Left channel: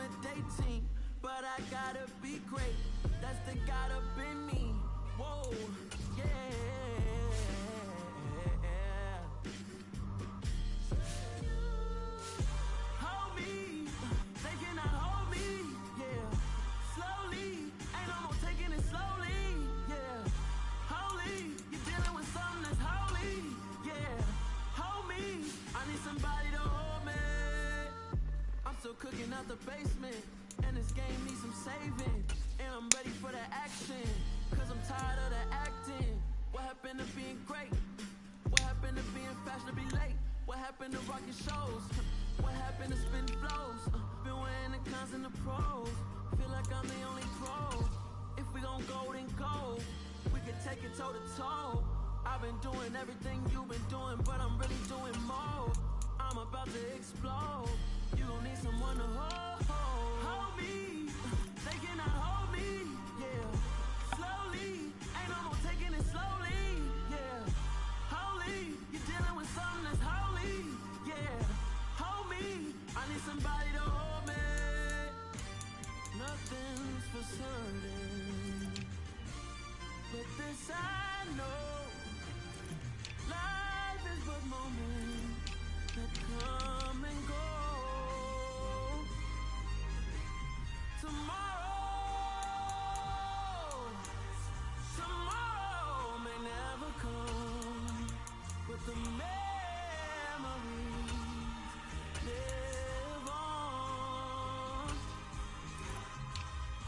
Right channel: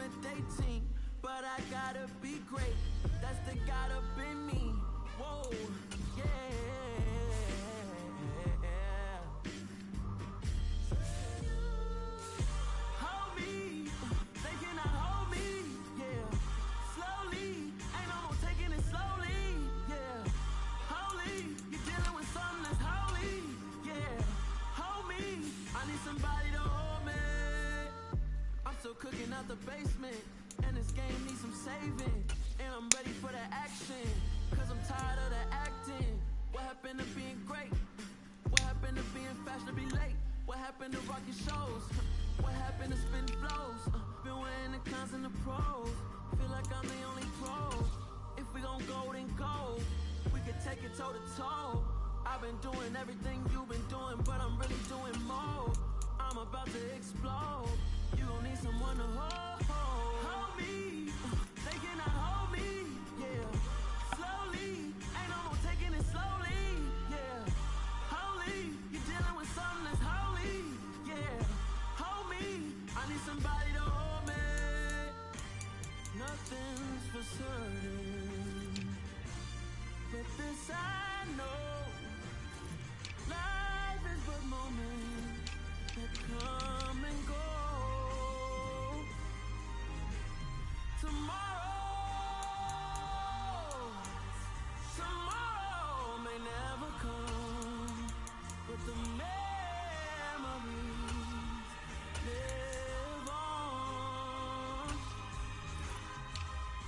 intimidating, but I gotta be great. That's the God up in me. Whoa, yeah. Hold me, they cannot hold me, yeah. Slowly, ain't no more taking it slowly, yeah. Holy, you're dealing with something that's holy, yeah. Hold me, I need somebody to hold me. I'm still cooking out the basement, and this game needs some saving. And I'm ready for the action, cause I'm tired of the acting. What happened to being great? What happened to being fashionably late? What happened to rocking shows? What happened to spinning flows? Been wearing the cons and the pros. Feel like I'm the only pro. If we gon' go, then go. We could take it toe to toe. I've been doing everything you've been doing, but I'm really doing more. I'm about to explode. You gon' need someone to hold. Hold me. They cannot hold me. Yeah. Slowly. Ain't no more taking it slowly. Yeah. Holy. You're dealing with something that's holy. Yeah. Hold me. I need somebody to hold me. Nothing's for certain, but this I know. Life is but moments that come and go. Tomorrow may never come, but the memories live on.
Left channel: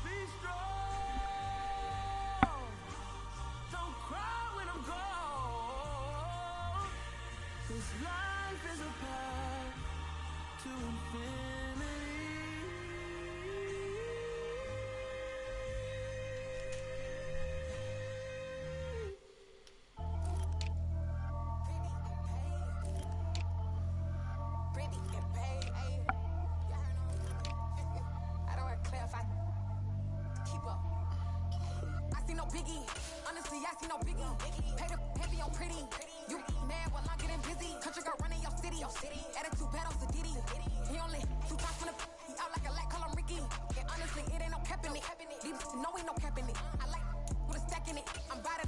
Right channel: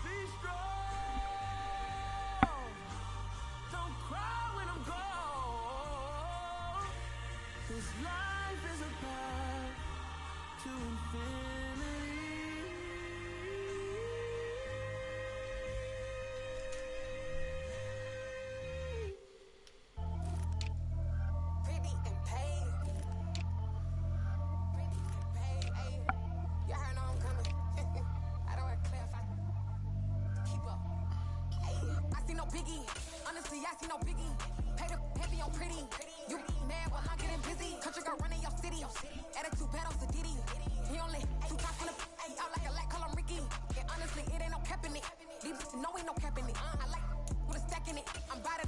Be strong, don't cry when I'm gone. This life is a path to infinity. Honestly, I see no biggie. Pay the heavy on pretty. You mad while I'm getting busy. Country girl running your city. Attitude bad on Diddy. He only 2 times from the he out like a light, call him Ricky. And honestly, it ain't no cap in it. These no ain't no cap in it. I like with a stack in it. I'm bad.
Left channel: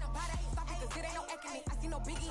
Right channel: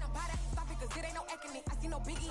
Stop it, cause it ain't no acting it. I see no biggie.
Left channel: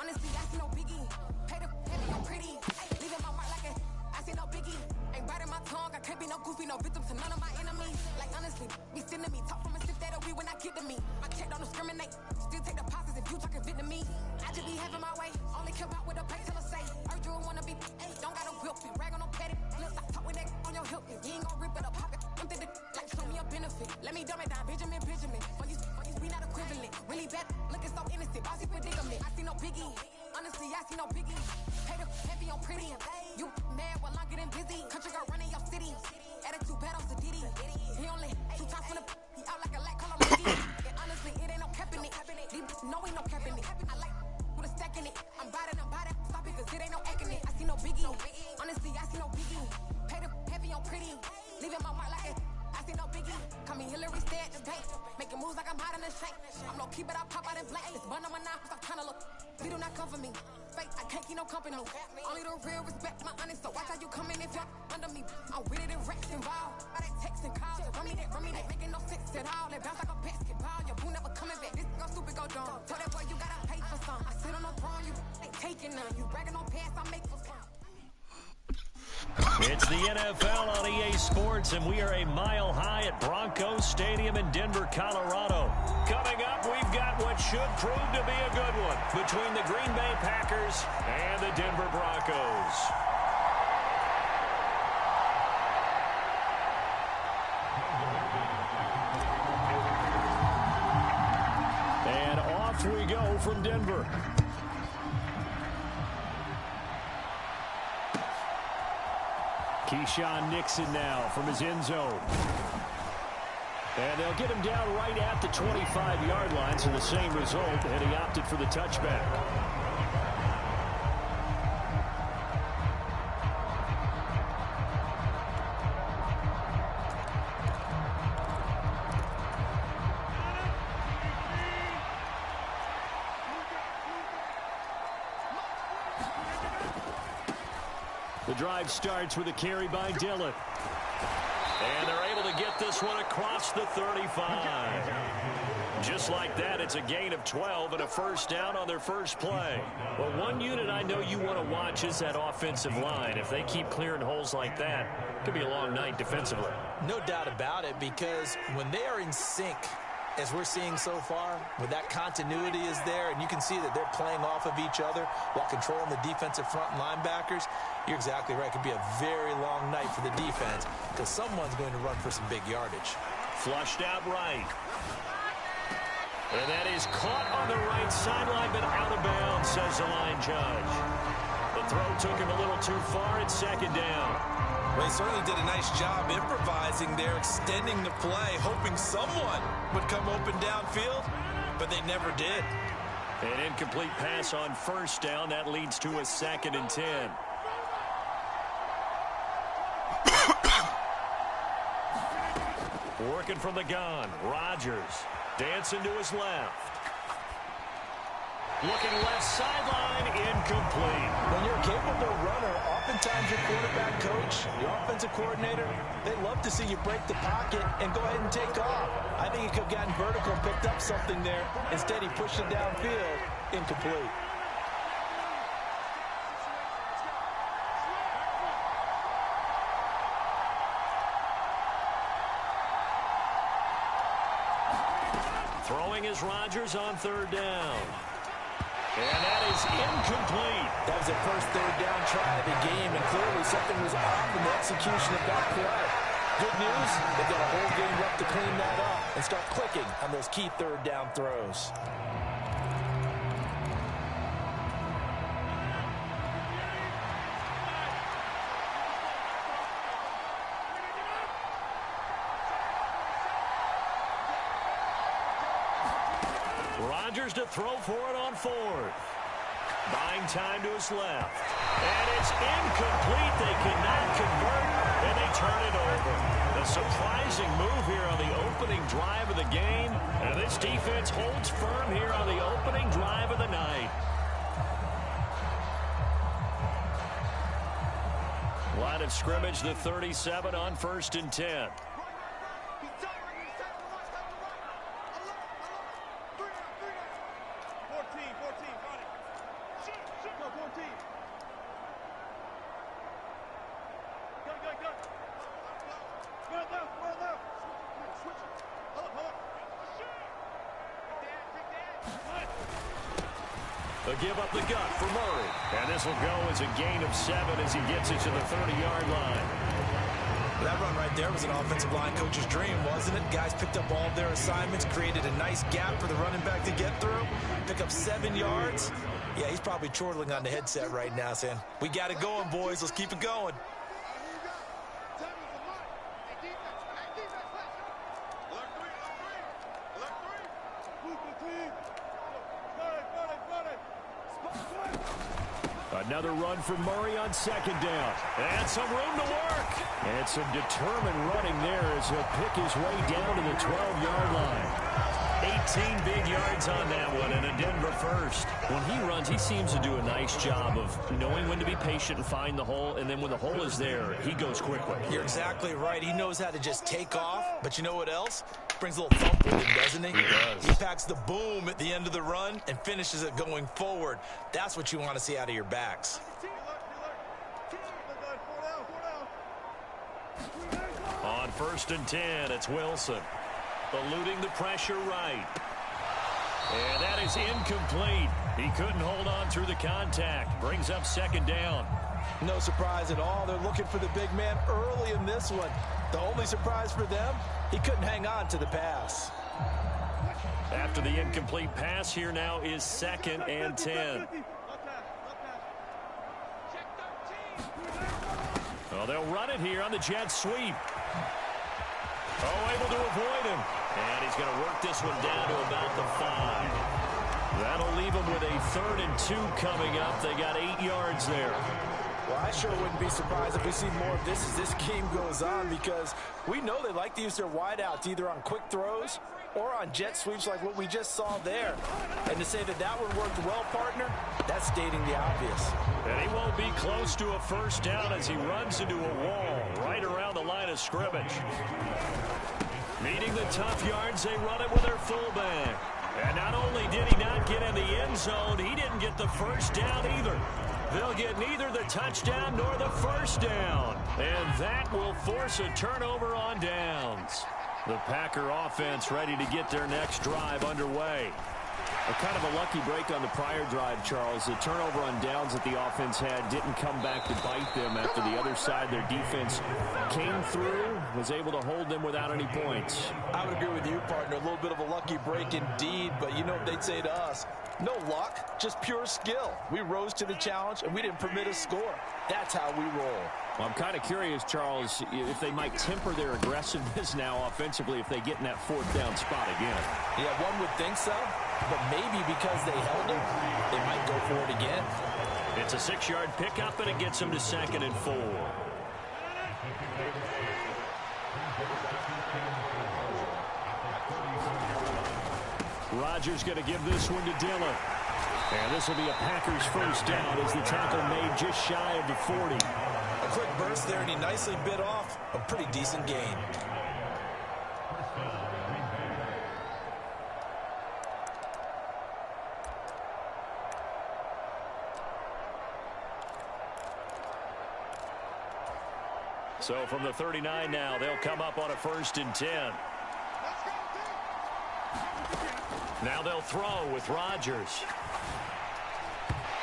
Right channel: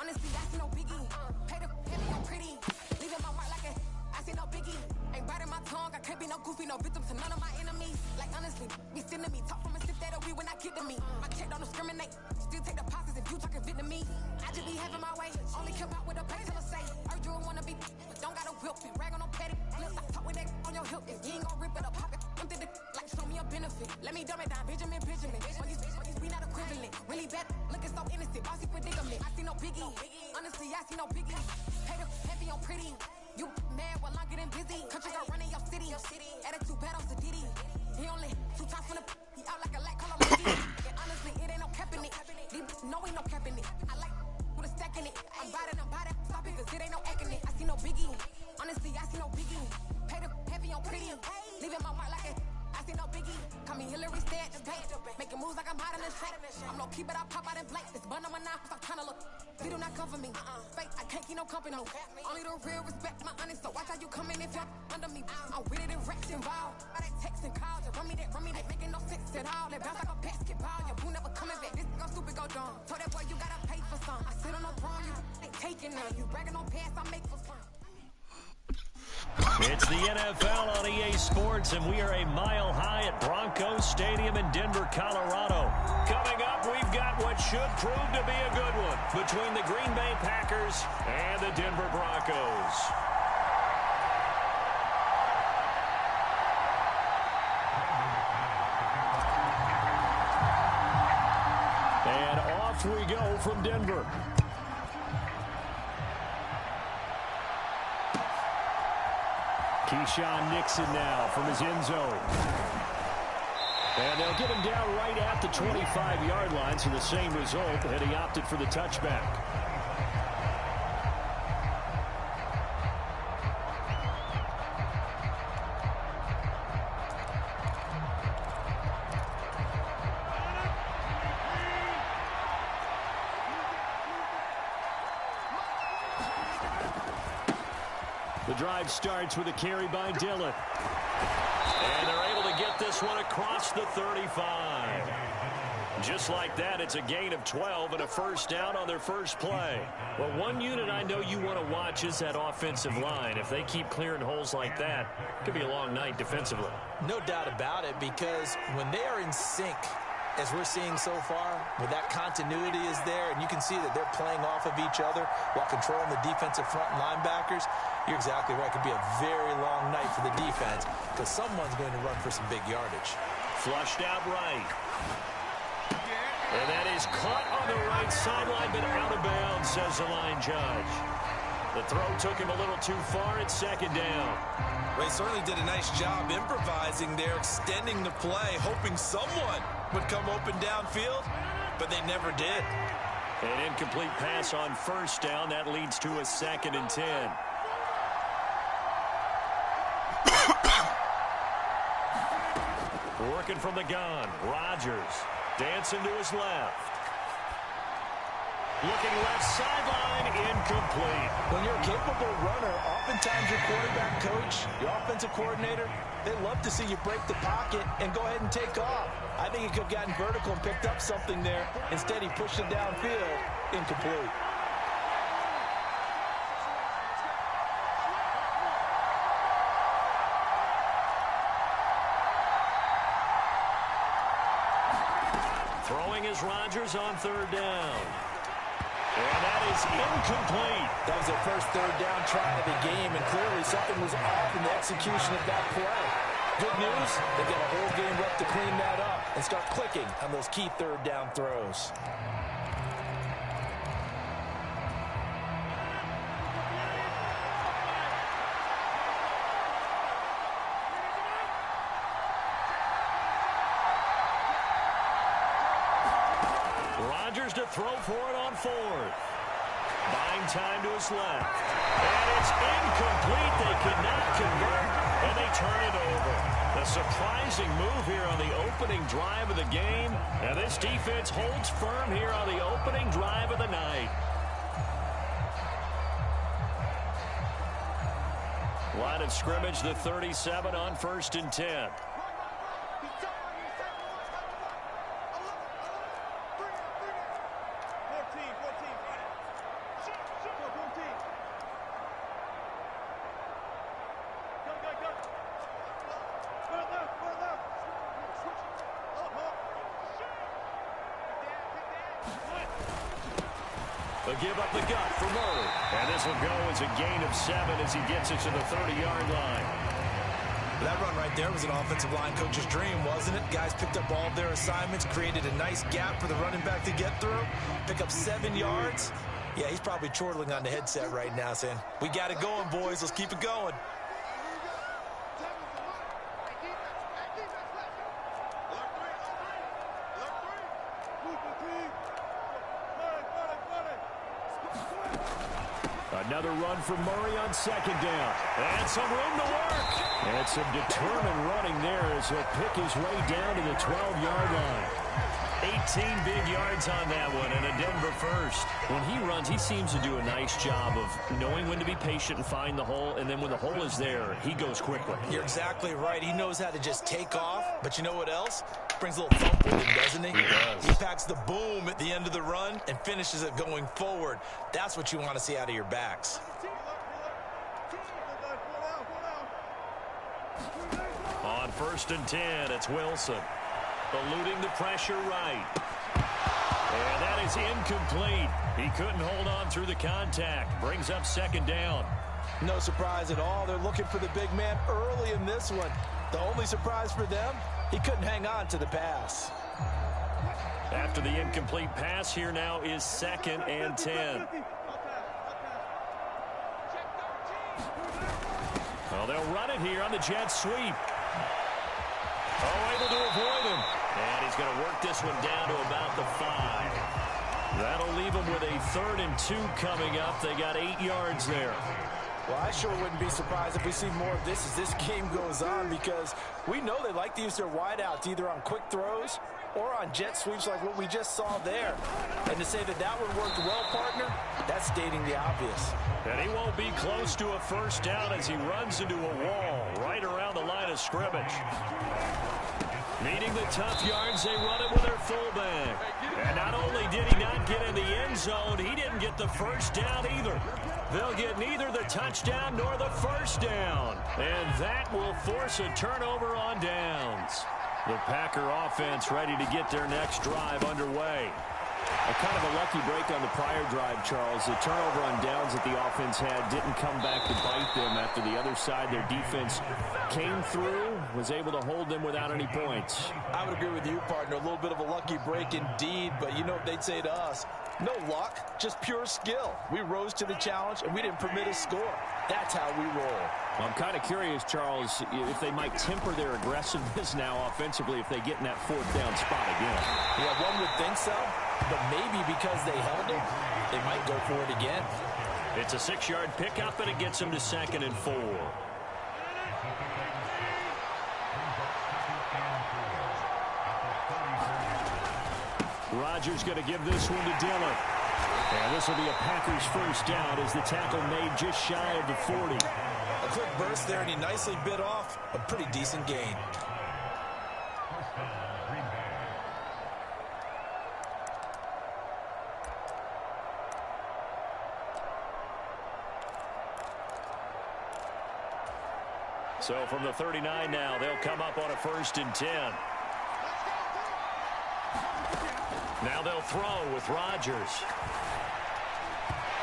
Honestly, I see no biggie. Pay the heavy on pretty. Leaving my mark like a I see no biggie. Ain't biting my tongue. I can't be no goofy, no victim to none of my enemies. Like honestly, be sending me talk from a sip that we when I get to me. My check don't discriminate. Still take deposits if you talking Vietnamese. I just be having my way. Only kept out with a pay till I say. Urge you wanna be, but don't got a whip. Rag on no petty. Lips, I talk with that on your hip. If you ain't gon' rip it up, pocket. Empty the like show me a benefit. Let me dumb it down, Benjamin. For you we not equivalent. Really bad, looking so innocent. Bossy predicament. I see no biggie. Honestly, I see no biggie. Pay the heavy on pretty. You mad while I'm getting busy. Country girl running your city. Attitude bad on Diddy. He only 2 times from the he out like a light, call him Ricky. And honestly, it ain't no cap in it. No ain't no cap in it. I like with a stack in it. I'm bad. Stop it, cause it ain't no acting it. I see no biggie. Honestly, I see no biggie. Pay the heavy on pretty. Leaving my mark like a I see no biggie. Call me Hillary Stead, just bank. Making moves like I'm hot in the shank. I'm low key, but I pop out in blank. This bun on my knife, I'm trying to look. They do not come for me. Fake, I can't keep no company. Only the real respect my honest. So watch how you coming if you're under me. I'm with it and Rex involved. All that text and calls. Run me that, making no sense at all. That bounce like a basketball. Your boo never coming back. This go stupid, go dumb. Told that boy you gotta pay for some. I sit on no throne, you ain't taking none. You bragging on past, I make for fun. It's the NFL on EA Sports, and we are a mile high at Broncos Stadium in Denver, Colorado. Coming up, we've got what should prove to be a good one between the Green Bay Packers and the Denver Broncos. And off we go from Denver. Keyshawn Nixon now from his end zone. And they'll get him down right at the 25-yard line, so the same result, and he opted for the touchback. The The drive starts with a carry by Dillon. And they're able to get this one across the 35. Just like that, it's a gain of 12 and a first down on their first play. Well, one unit I know you want to watch is that offensive line. If they keep clearing holes like that, it could be a long night defensively. No doubt about it, because when they are in sync, as we're seeing so far, when that continuity is there and you can see that they're playing off of each other while controlling the defensive front linebackers, you're exactly right. It could be a very long night for the defense because someone's going to run for some big yardage. Flushed out right. And that is caught on the right sideline, but out of bounds, says the line judge. The throw took him a little too far. It's second down. Well, he certainly did a nice job improvising there, extending the play, hoping someone would come open downfield, but they never did. An incomplete pass on first down. That leads to a 2nd and 10. Working from the gun, Rodgers dancing to his left. Looking left sideline, incomplete. When you're a capable runner, oftentimes your quarterback coach, your offensive coordinator, they love to see you break the pocket and go ahead and take off. I think he could have gotten vertical and picked up something there. Instead, he pushed it downfield, incomplete. Throwing is Rodgers on 3rd down. And that is incomplete. That was their first 3rd down try of the game, and clearly something was off in the execution of that play. Good news, they've got a whole game left to clean that up and start clicking on those key 3rd down throws. Rodgers to throw for it on 4th. Buying time to his left. And it's incomplete. They cannot convert, and they turn it over. The surprising move here on the opening drive of the game. And this defense holds firm here on the opening drive of the night. Line of scrimmage, the 37 on 1st and 10. They'll give up the gut for Murray. And this will go as a gain of 7 as he gets it to the 30-yard line. That run right there was an offensive line coach's dream, wasn't it? Guys picked up all of their assignments, created a nice gap for the running back to get through, pick up 7 yards. Yeah, he's probably chortling on the headset right now saying, we got it going, boys. Let's keep it going. Another run for Murray on 2nd down. And some room to work. And some determined running there as he'll pick his way down to the 12-yard line. 18 big yards on that one, and a Denver first. When he runs, he seems to do a nice job of knowing when to be patient and find the hole, and then when the hole is there, he goes quickly. You're exactly right. He knows how to just take off, but you know what else? Brings a little thump with him, doesn't he? He does. He packs the boom at the end of the run and finishes it going forward. That's what you want to see out of your backs. On 1st and 10, it's Wilson. Eluding the pressure right. And that is incomplete. He couldn't hold on through the contact. Brings up 2nd down. No surprise at all. They're looking for the big man early in this one. The only surprise for them, he couldn't hang on to the pass. After the incomplete pass, here now is 2nd and 10. Well, they'll run it here on the jet sweep. Oh, able to avoid him. And he's going to work this one down to about the 5. That'll leave him with a 3rd and 2 coming up. They got 8 yards there. Well, I sure wouldn't be surprised if we see more of this as this game goes on, because we know they like to use their wideouts either on quick throws or on jet sweeps like what we just saw there. And to say that that one worked well, partner, that's stating the obvious. And he won't be close to a first down as he runs into a wall right around the line of scrimmage. Needing the tough yards, they run it with their fullback. And not only did he not get in the end zone, he didn't get the first down either. They'll get neither the touchdown nor the first down. And that will force a turnover on downs. The Packer offense ready to get their next drive underway. A kind of a lucky break on the prior drive, Charles. The turnover on downs that the offense had didn't come back to bite them after the other side. Their defense came through, was able to hold them without any points. I would agree with you, partner. A little bit of a lucky break indeed, but you know what they'd say to us? No luck, just pure skill. We rose to the challenge, and we didn't permit a score. That's how we roll. Well, I'm kind of curious, Charles, if they might temper their aggressiveness now offensively if they get in that fourth down spot again. Yeah, one would think so, but maybe because they held it, they might go for it again. It's a 6-yard pickup, and it gets them to 2nd and 4. Rodgers going to give this one to Dillon. And this will be a Packers first down as the tackle made just shy of the 40. A quick burst there, and he nicely bit off a pretty decent gain. So from the 39 now, they'll come up on a 1st and 10. Now they'll throw with Rodgers.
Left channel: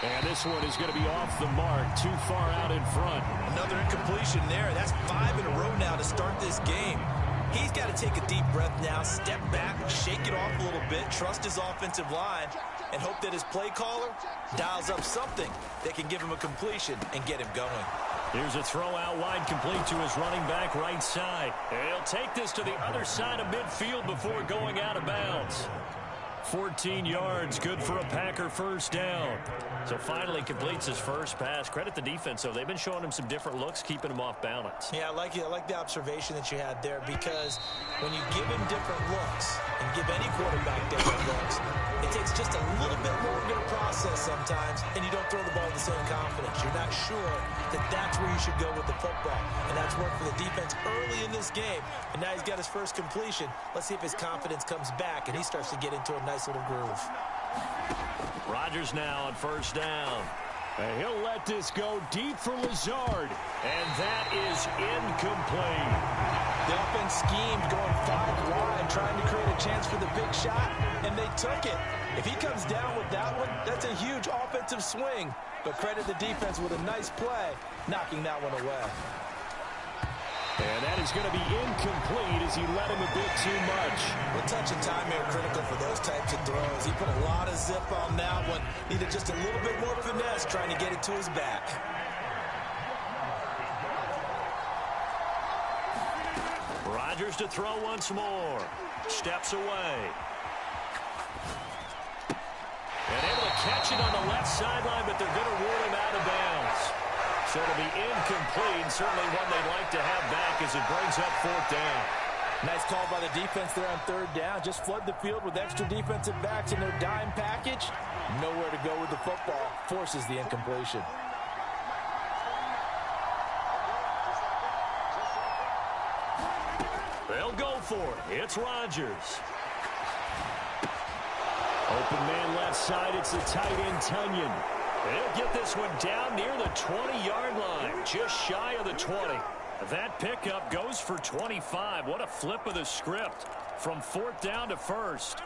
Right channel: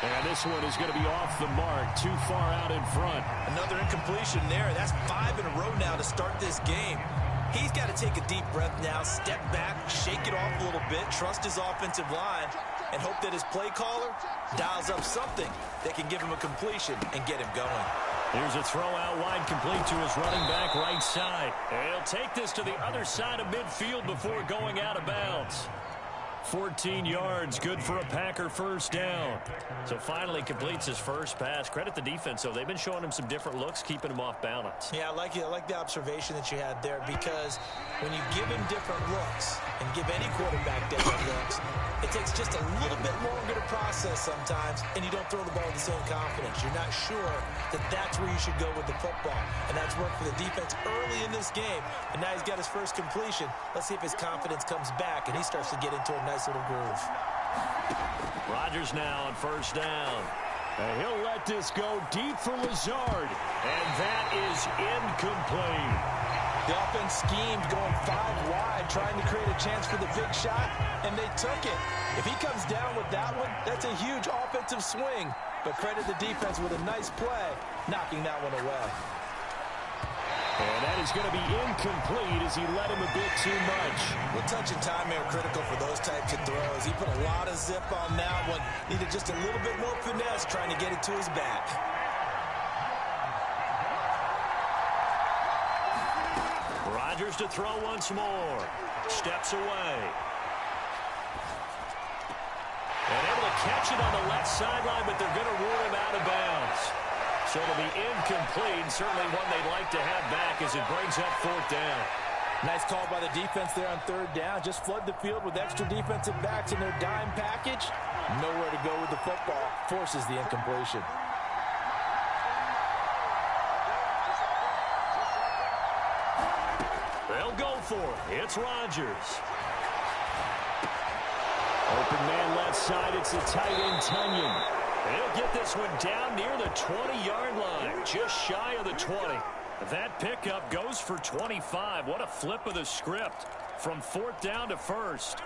And this one is going to be off the mark, too far out in front. Another incompletion there. That's 5 in a row now to start this game. He's got to take a deep breath now, step back, shake it off a little bit, trust his offensive line, and hope that his play caller dials up something that can give him a completion and get him going. Here's a throw out wide, complete to his running back right side. And he'll take this to the other side of midfield before going out of bounds. 14 yards, good for a Packer first down. So finally completes his first pass. Credit the defense, though. They've been showing him some different looks, keeping him off balance. Yeah, I like the observation that you had there, because when you give him different looks and give any quarterback different looks, it takes just a little bit longer to process sometimes, and you don't throw the ball with the same confidence. You're not sure that that's where you should go with the football, and that's worked for the defense early in this game, and now he's got his first completion. Let's see if his confidence comes back, and he starts to get into a nice little groove. Rodgers now on first down. And he'll let this go deep for Lazard. And that is incomplete. The offense schemed going 5 wide, trying to create a chance for the big shot, and they took it. If he comes down with that one, that's a huge offensive swing. But credit the defense with a nice play, knocking that one away. And that is going to be incomplete as he let him a bit too much. Well, touch and time are critical for those types of throws. He put a lot of zip on that one. Needed just a little bit more finesse trying to get it to his back. Rodgers to throw once more. Steps away. And able to catch it on the left sideline, but they're going to rule him out of bounds. So it'll be incomplete, certainly one they'd like to have back as it brings up 4th down. Nice call by the defense there on 3rd down. Just flood the field with extra defensive backs in their dime package. Nowhere to go with the football. Forces the incompletion. They'll go for it. It's Rodgers. Open man left side. It's the tight end, Tunyon. He'll get this one down near the 20-yard line, just shy of the 20. That pickup goes for 25. What a flip of the script from 4th down to 1st.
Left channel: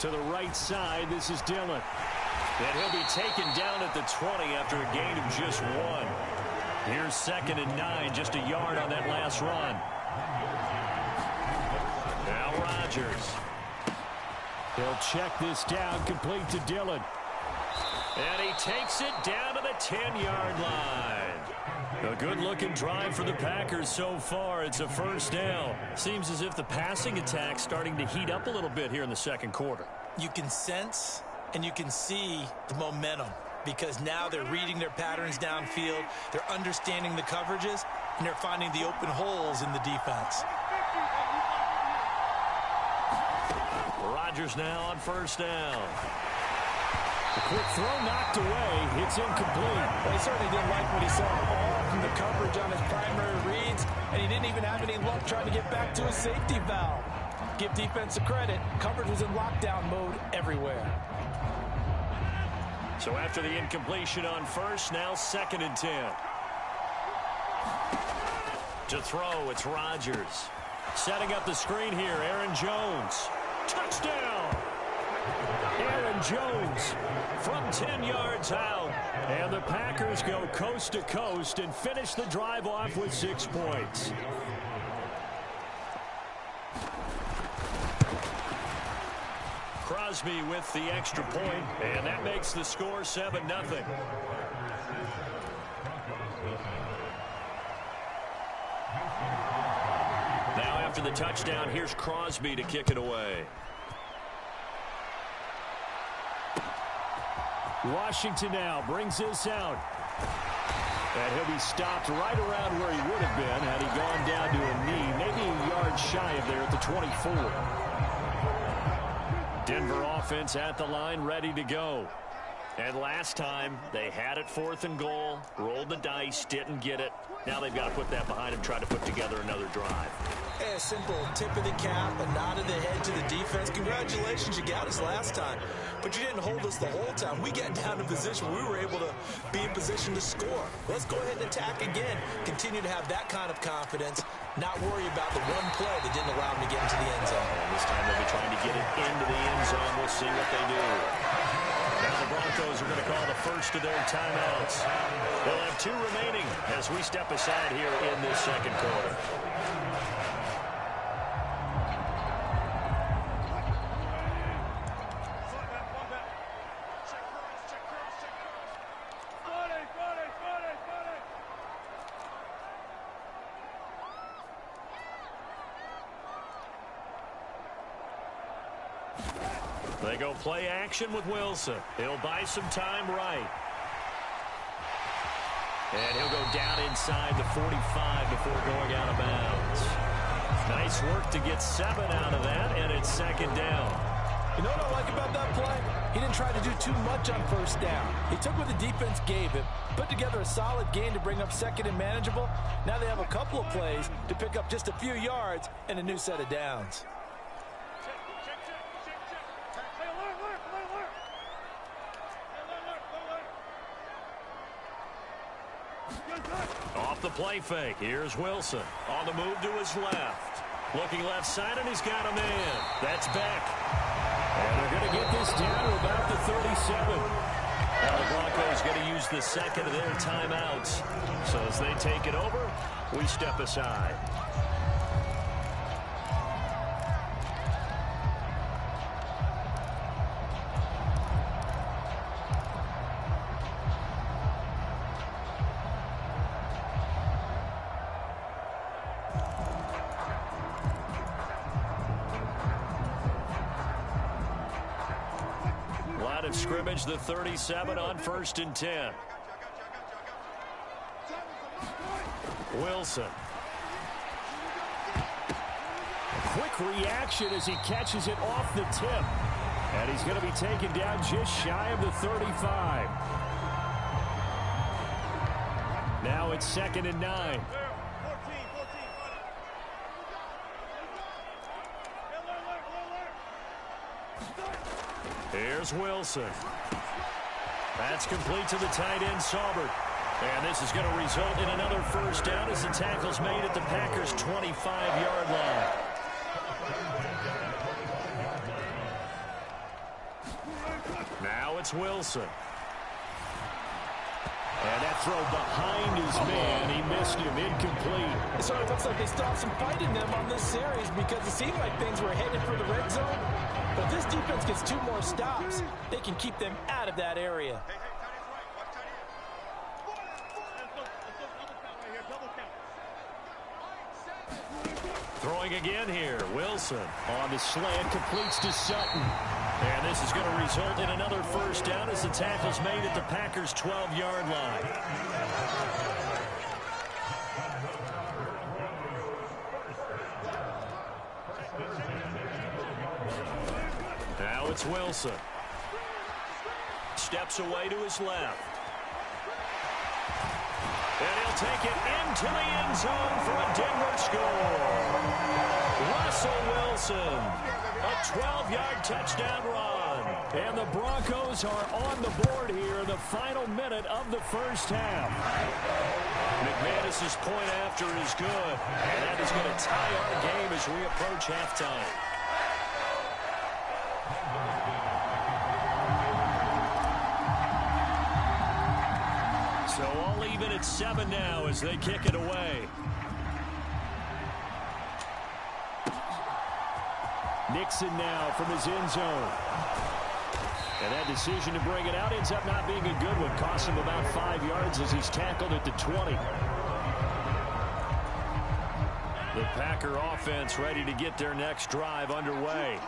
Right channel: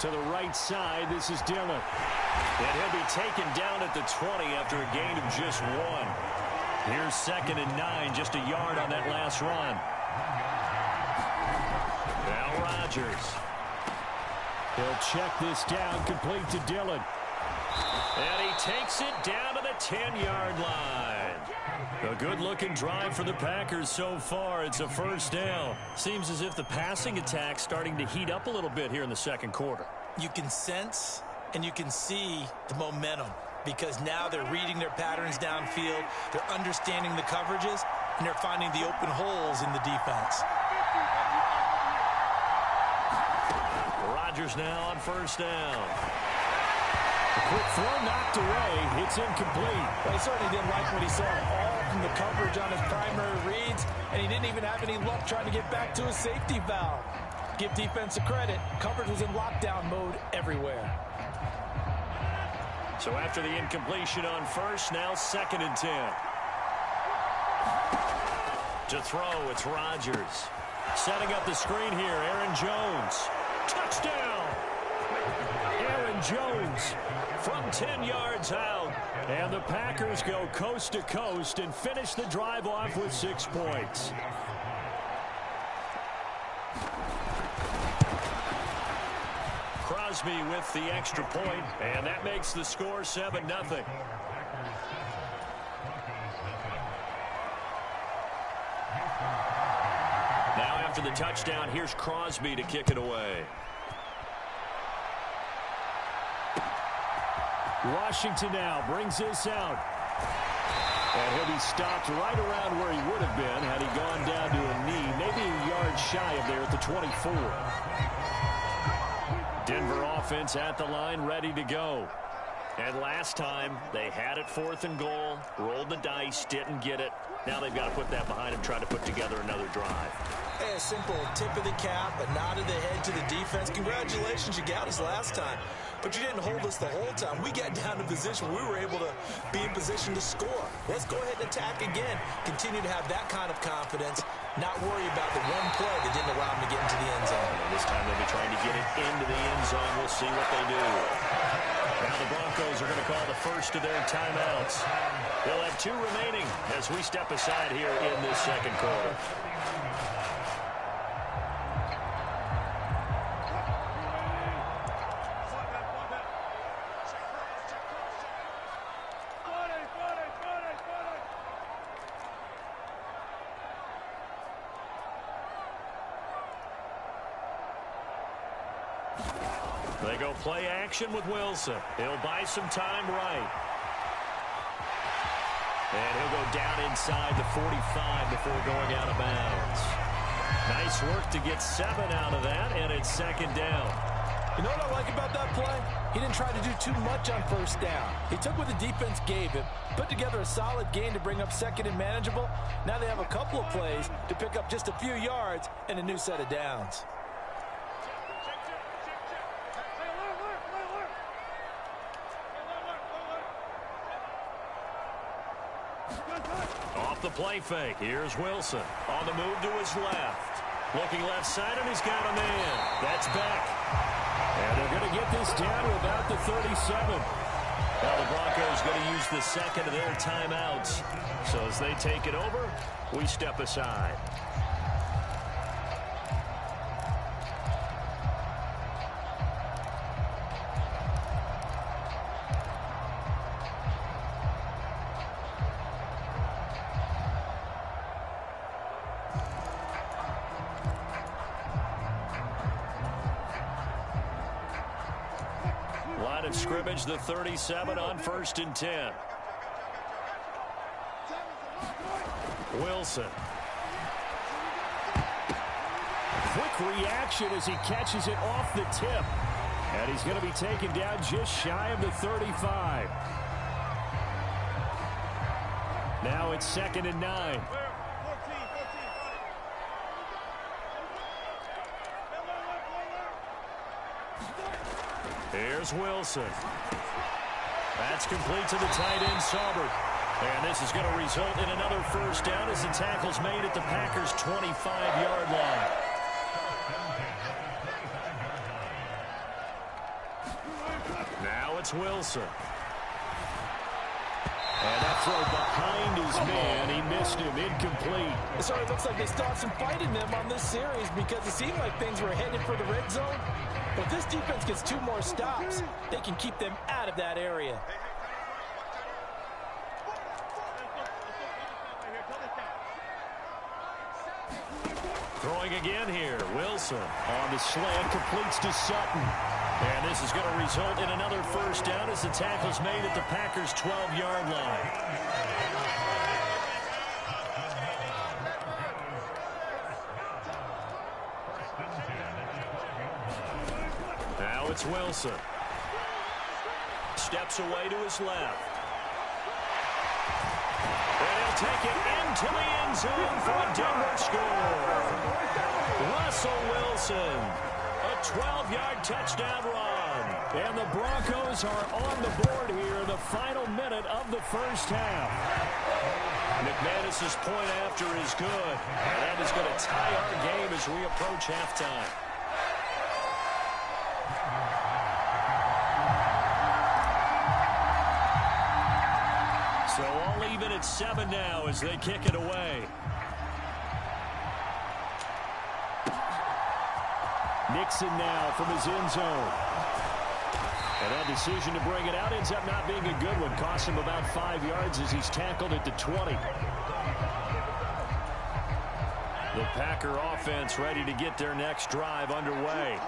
To the right side, this is Dillon. And he'll be taken down at the 20 after a gain of just 1. Here's 2nd and 9, just a yard on that last run. Now Rodgers. He'll check this down, complete to Dillon. And he takes it down to the 10-yard line. A good-looking drive for the Packers so far. It's a first down. Seems as if the passing attack's starting to heat up a little bit here in the second quarter. You can sense and you can see the momentum. because now they're reading their patterns downfield, they're understanding the coverages, and they're finding the open holes in the defense. Rodgers now on first down. A quick throw knocked away. It's incomplete. Well, he certainly didn't like what he saw all from the coverage on his primary reads, and he didn't even have any luck trying to get back to his safety valve. Give defense credit. Coverage was in lockdown mode everywhere. So after the incompletion on first, now 2nd and 10. To throw, it's Rodgers. Setting up the screen here, Aaron Jones. Touchdown! Aaron Jones from 10 yards out. And the Packers go coast to coast and finish the drive off with 6 points. Crosby with the extra point, and that makes the score 7-0. Now after the touchdown, here's Crosby to kick it away. Washington now brings this out. And he'll be stopped right around where he would have been had he gone down to a knee, maybe a yard shy of there at the 24. Denver offense at the line, ready to go. And last time, they had it 4th and goal, rolled the dice, didn't get it. Now they've got to put that behind them, try to put together another drive. A simple tip of the cap, a nod of the head to the defense. Congratulations, you got us last time. But you didn't hold us the whole time. We got down to position where we were able to be in position to score. Let's go ahead and attack again. Continue to have that kind of confidence. Not worry about the one play that didn't allow them to get into the end zone. And this time they'll be trying to get it into the end zone. We'll see what they do. Now the Broncos are going to call the first of their timeouts. They'll have 2 remaining as we step aside here in this 2nd quarter. They go play action with Wilson. He'll buy some time right. And he'll go down inside the 45 before going out of bounds. Nice work to get 7 out of that, and it's 2nd down. You know what I like about that play? He didn't try to do too much on first down. He took what the defense gave him, put together a solid gain to bring up 2nd and manageable. Now they have a couple of plays to pick up just a few yards and a new set of downs. Off the play fake. Here's Wilson. On the move to his left. Looking left side, and he's got a man. That's Beck. And they're going to get this down to about the 37. Now the Broncos going to use the 2nd of their timeouts. So as they take it over, we step aside. Line of scrimmage, the 37 on 1st and 10. Wilson. Quick reaction as he catches it off the tip. And he's going to be taken down just shy of the 35. Now it's 2nd and 9. Here's Wilson. That's complete to the tight end, Saubert. And this is going to result in another 1st down as the tackle's made at the Packers' 25-yard line. Now it's Wilson. And that throw behind his man. He missed him. Incomplete. It sort of looks like they still have some fight in them on this series because it seemed like things were headed for the red zone. But if this defense gets 2 more stops, they can keep them out of that area. Throwing again here. Wilson on the slant, completes to Sutton. And this is going to result in another first down as the tackle's made at the Packers' 12-yard line. Now it's Wilson. Steps away to his left. And he'll take it into the end zone for a Denver score. Russell Wilson, a 12-yard touchdown run. And the Broncos are on the board here in the final minute of the first half. McManus's point after is good. And that is going to tie our game as we approach halftime. So all even at 7 now as they kick it away. Nixon now from his end zone. And that decision to bring it out ends up not being a good one. Costs him about 5 yards as he's tackled at the 20. The Packer offense ready to get their next drive underway.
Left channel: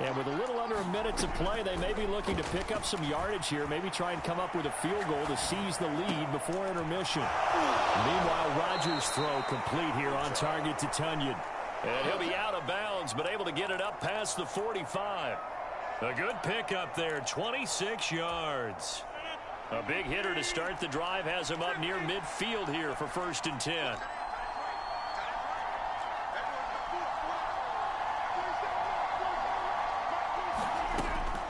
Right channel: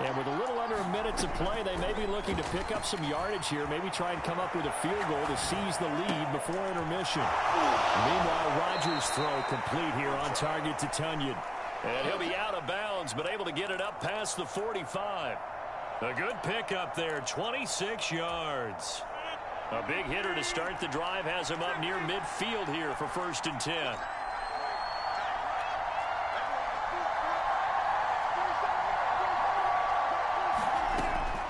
And with a little under a minute to play, they may be looking to pick up some yardage here, maybe try and come up with a field goal to seize the lead before intermission. Meanwhile, Rodgers' throw complete here on target to Tunyon. And he'll be out of bounds, but able to get it up past the 45. A good pickup there, 26 yards. A big hitter to start the drive has him up near midfield here for 1st and 10.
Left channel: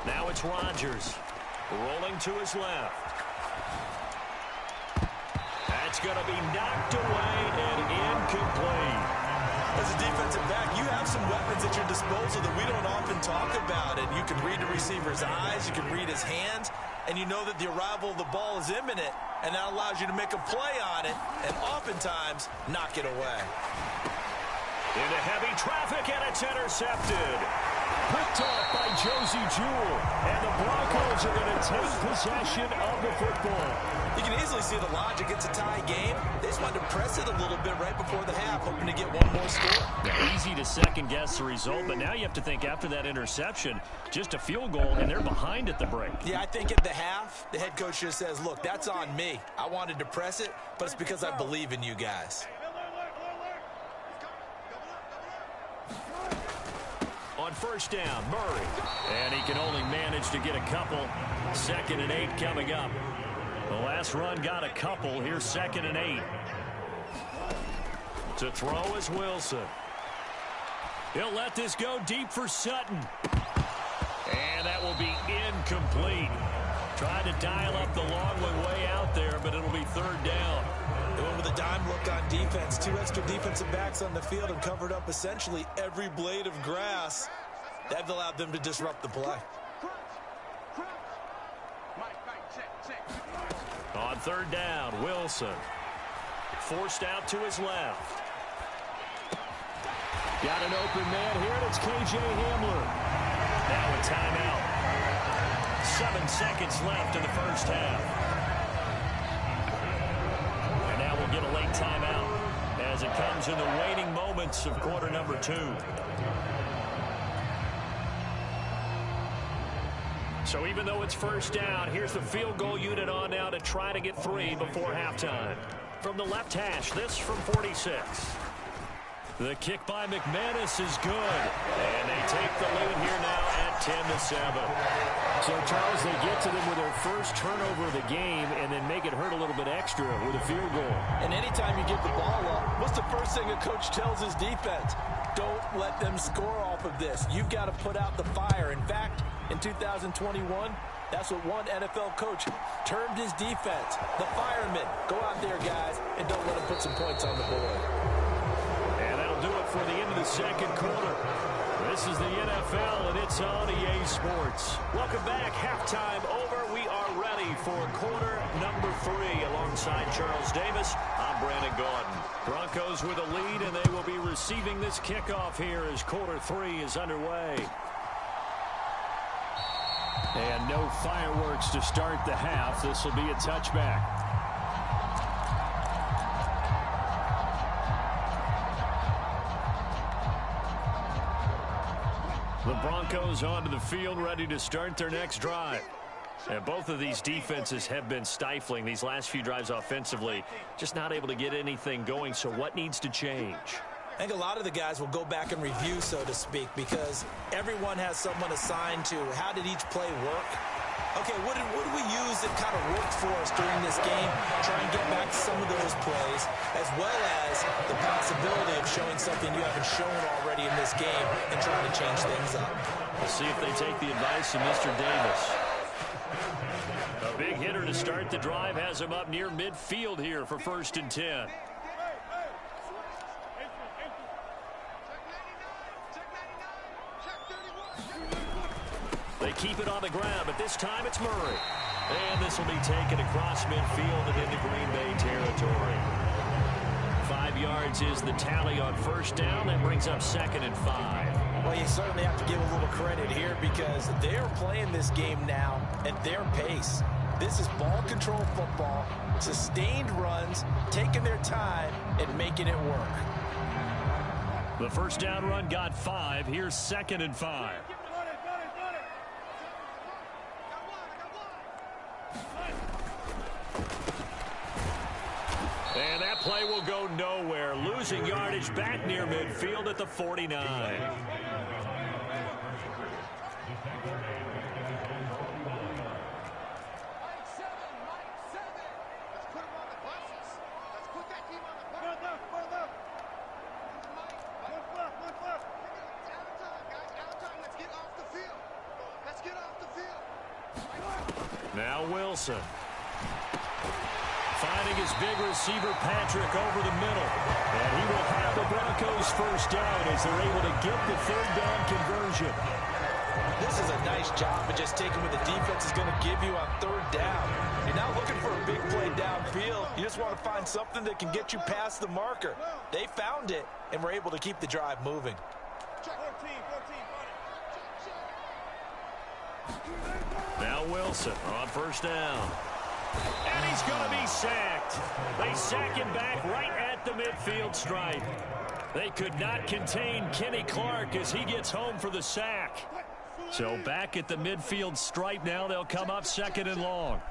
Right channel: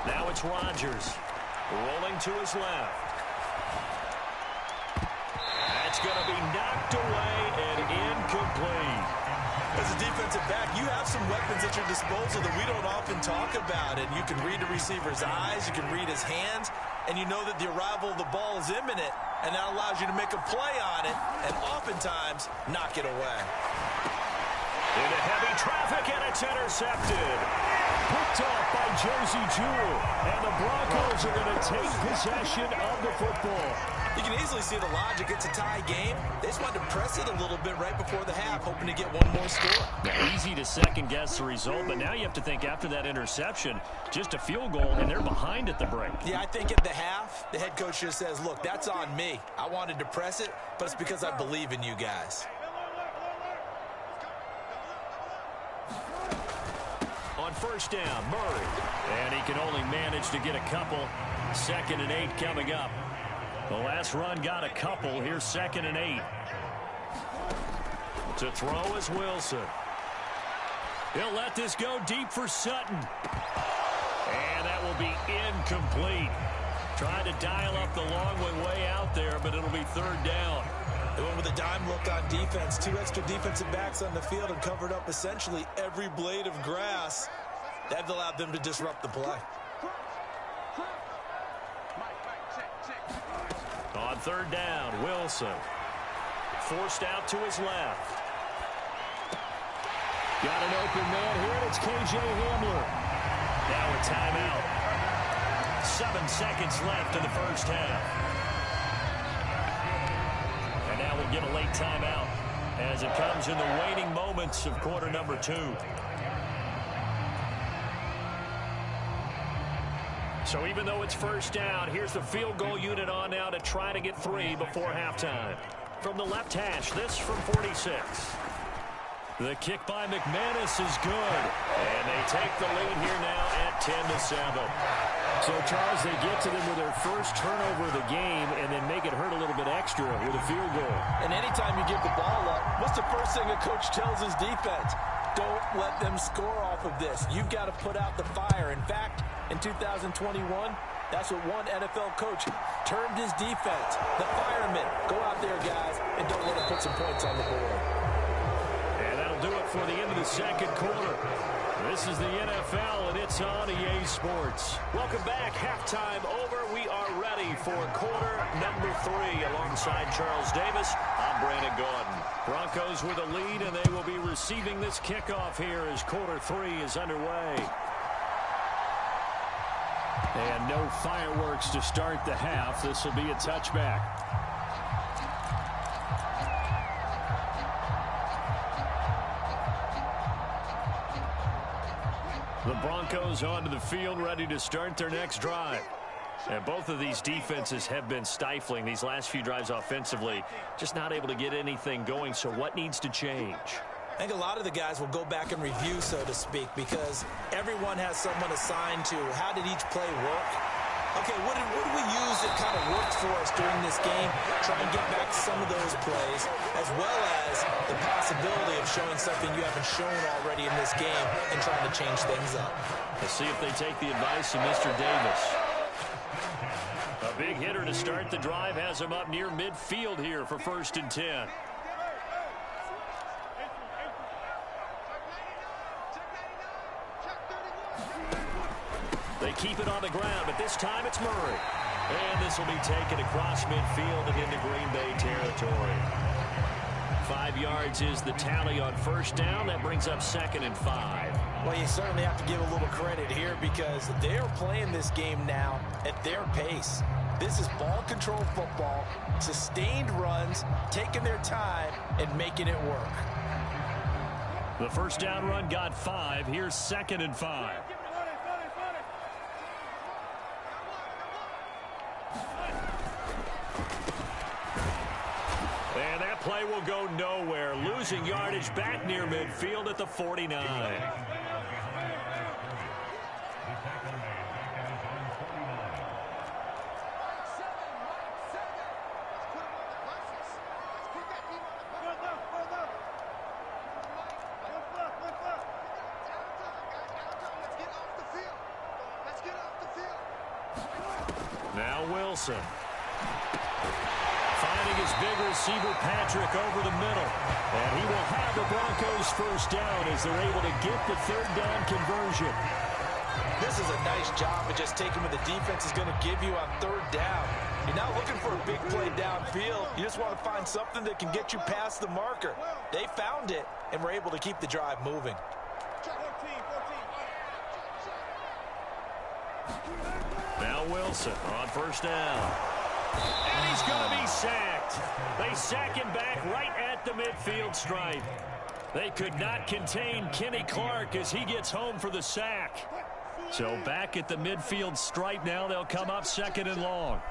Now it's Rodgers rolling to his left. That's going to be knocked away and incomplete. As a defensive back, you have some weapons at your disposal that we don't often talk about. And you can read the receiver's eyes, you can read his hands, and you know that the arrival of the ball is imminent, and that allows you to make a play on it and oftentimes knock it away. Into heavy traffic, and it's intercepted. Picked off by Josie Jewell, and the Broncos are going to take possession of the football. You can easily see the logic. It's a tie game. They just wanted to press it a little bit right before the half, hoping to get one more score. Now, easy to second-guess the result, but now you have to think after that interception, just a field goal, and they're behind at the break. Yeah, I think at the half, the head coach just says, look, that's on me. I wanted to press it, but it's because I believe in you guys. On 1st down, Murray. And he can only manage to get a couple. 2nd and 8 coming up. The last run got a couple. Here's 2nd and 8. To throw is Wilson. He'll let this go deep for Sutton. And that will be incomplete. Tried to dial up the long way out there, but it'll be 3rd down. They went with a dime look on defense. 2 extra defensive backs on the field and covered up essentially every blade of grass. That allowed them to disrupt the play. On 3rd down, Wilson. Forced out to his left. Got an open man here, and it's K.J. Hamler. Now a timeout. 7 seconds left in the first half. And now we'll get a late timeout as it comes in the waning moments of quarter number 2. So even though it's 1st down, here's the field goal unit on now to try to get 3 before halftime. From the left hash, this from 46. The kick by McManus is good. And they take the lead here now at 10-7. So, Charles, they get to them with their first turnover of the game and then make it hurt a little bit extra with a field goal. And anytime you give the ball up, what's the first thing a coach tells his defense? Don't let them score off of this. You've got to put out the fire. In fact, in 2021, that's what one NFL coach termed his defense. The firemen. Go out there, guys, and don't let them put some points on the board. And that'll do it for the end of the 2nd quarter. This is the NFL, and it's on EA Sports. Welcome back. Halftime over. We are ready for quarter number 3. Alongside Charles Davis, I'm Brandon Gaudin. Broncos with a lead, and they will be receiving this kickoff here as quarter 3 is underway. And no fireworks to start the half. This will be a touchback. The Broncos onto the field, ready to start their next drive. And both of these defenses have been stifling these last few drives offensively. Just not able to get anything going, so what needs to change? I think a lot of the guys will go back and review, so to speak, because everyone has someone assigned to how did each play work. Okay, what did we use that kind of worked for us during this game? Try and get back some of those plays, as well as the possibility of showing something you haven't shown already in this game and trying to change things up. Let's see if they take the advice of Mr. Davis. A big hitter to start the drive has him up near midfield here for 1st and 10. They keep it on the ground, but this time it's Murray. And this will be taken across midfield and into Green Bay territory. 5 yards is the tally on 1st down. That brings up 2nd and 5. Well, you certainly have to give a little credit here because they are playing this game now at their pace. This is ball control football, sustained runs, taking their time, and making it work. The 1st down run got 5. Here's 2nd and 5. And that play will go nowhere. Losing yardage back near midfield at the 49. Now Wilson. Finding his big receiver, Patrick, over the middle. And he will have the Broncos 1st down as they're able to get the 3rd down conversion. This is a nice job of just taking what the defense is going to give you on 3rd down. You're not looking for a big play downfield. You just want to find something that can get you past the marker. They found it and were able to keep the drive moving. Now Wilson on 1st down. And he's going to be sacked. They sack him back right at the midfield stripe. They could not contain Kenny Clark as he gets home for the sack. So back at the midfield stripe now, they'll come up 2nd and long.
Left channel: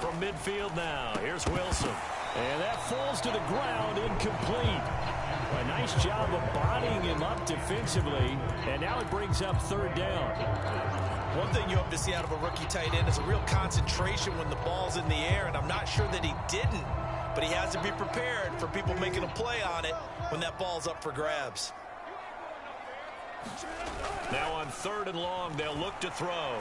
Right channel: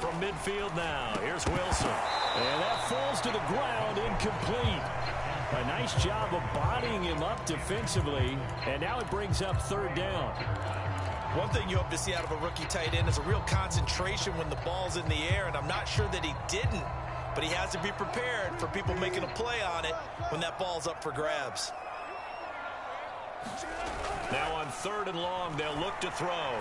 From midfield now, here's Wilson. And that falls to the ground, incomplete. A nice job of bodying him up defensively. And now it brings up 3rd down. One thing you hope to see out of a rookie tight end is a real concentration when the ball's in the air, and I'm not sure that he didn't, but he has to be prepared for people making a play on it when that ball's up for grabs. Now on 3rd and long, they'll look to throw.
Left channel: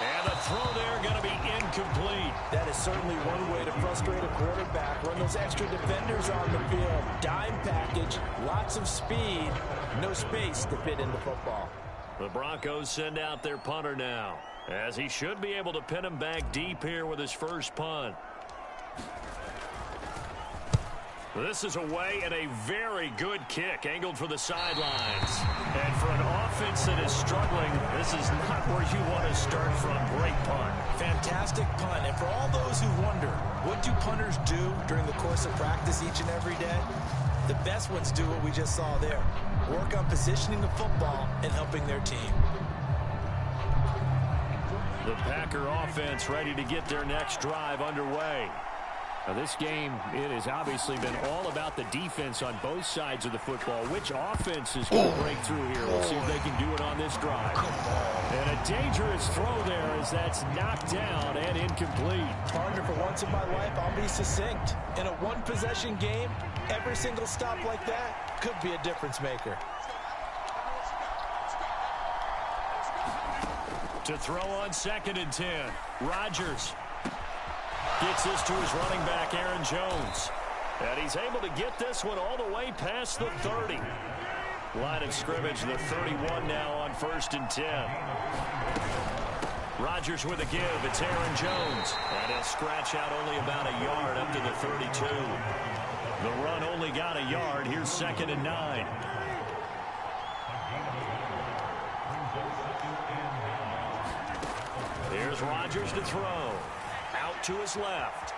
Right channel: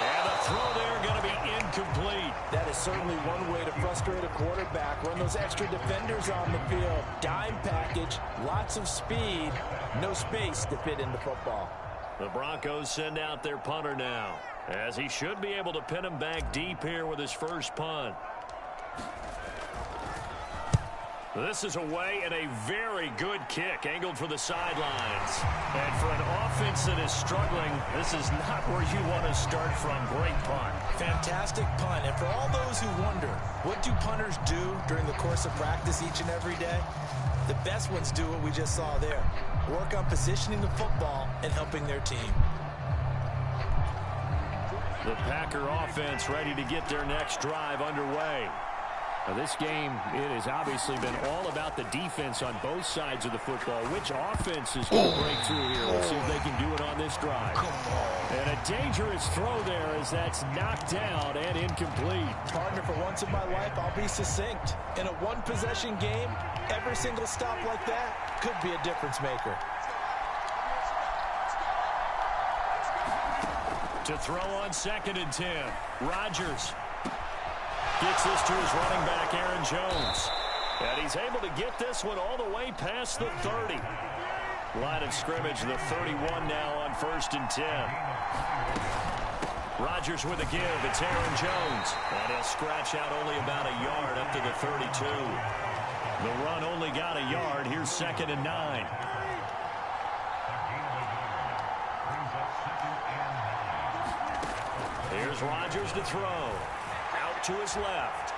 And the throw there going to be incomplete. That is certainly one way to frustrate a quarterback. Run those extra defenders on the field. Dime package, lots of speed, no space to fit into football. The Broncos send out their punter now, as he should be able to pin him back deep here with his 1st punt. This is away and a very good kick angled for the sidelines. And for an offense that is struggling, this is not where you want to start from. Great punt. Fantastic punt. And for all those who wonder, what do punters do during the course of practice each and every day? The best ones do what we just saw there. Work on positioning the football and helping their team. The Packer offense ready to get their next drive underway. Now this game, it has obviously been all about the defense on both sides of the football. Which offense is going to break through here? We'll see if they can do it on this drive. And a dangerous throw there as that's knocked down and incomplete. Partner, for once in my life, I'll be succinct. In a one-possession game, every single stop like that could be a difference maker. To throw on 2nd and 10. Rodgers gets this to his running back, Aaron Jones. And he's able to get this one all the way past the 30. Line of scrimmage, the 31 now on 1st and 10. Rodgers with a give. It's Aaron Jones. And he'll scratch out only about a yard up to the 32. The run only got a yard. Here's 2nd and 9. Here's Rodgers to throw. Out to his left.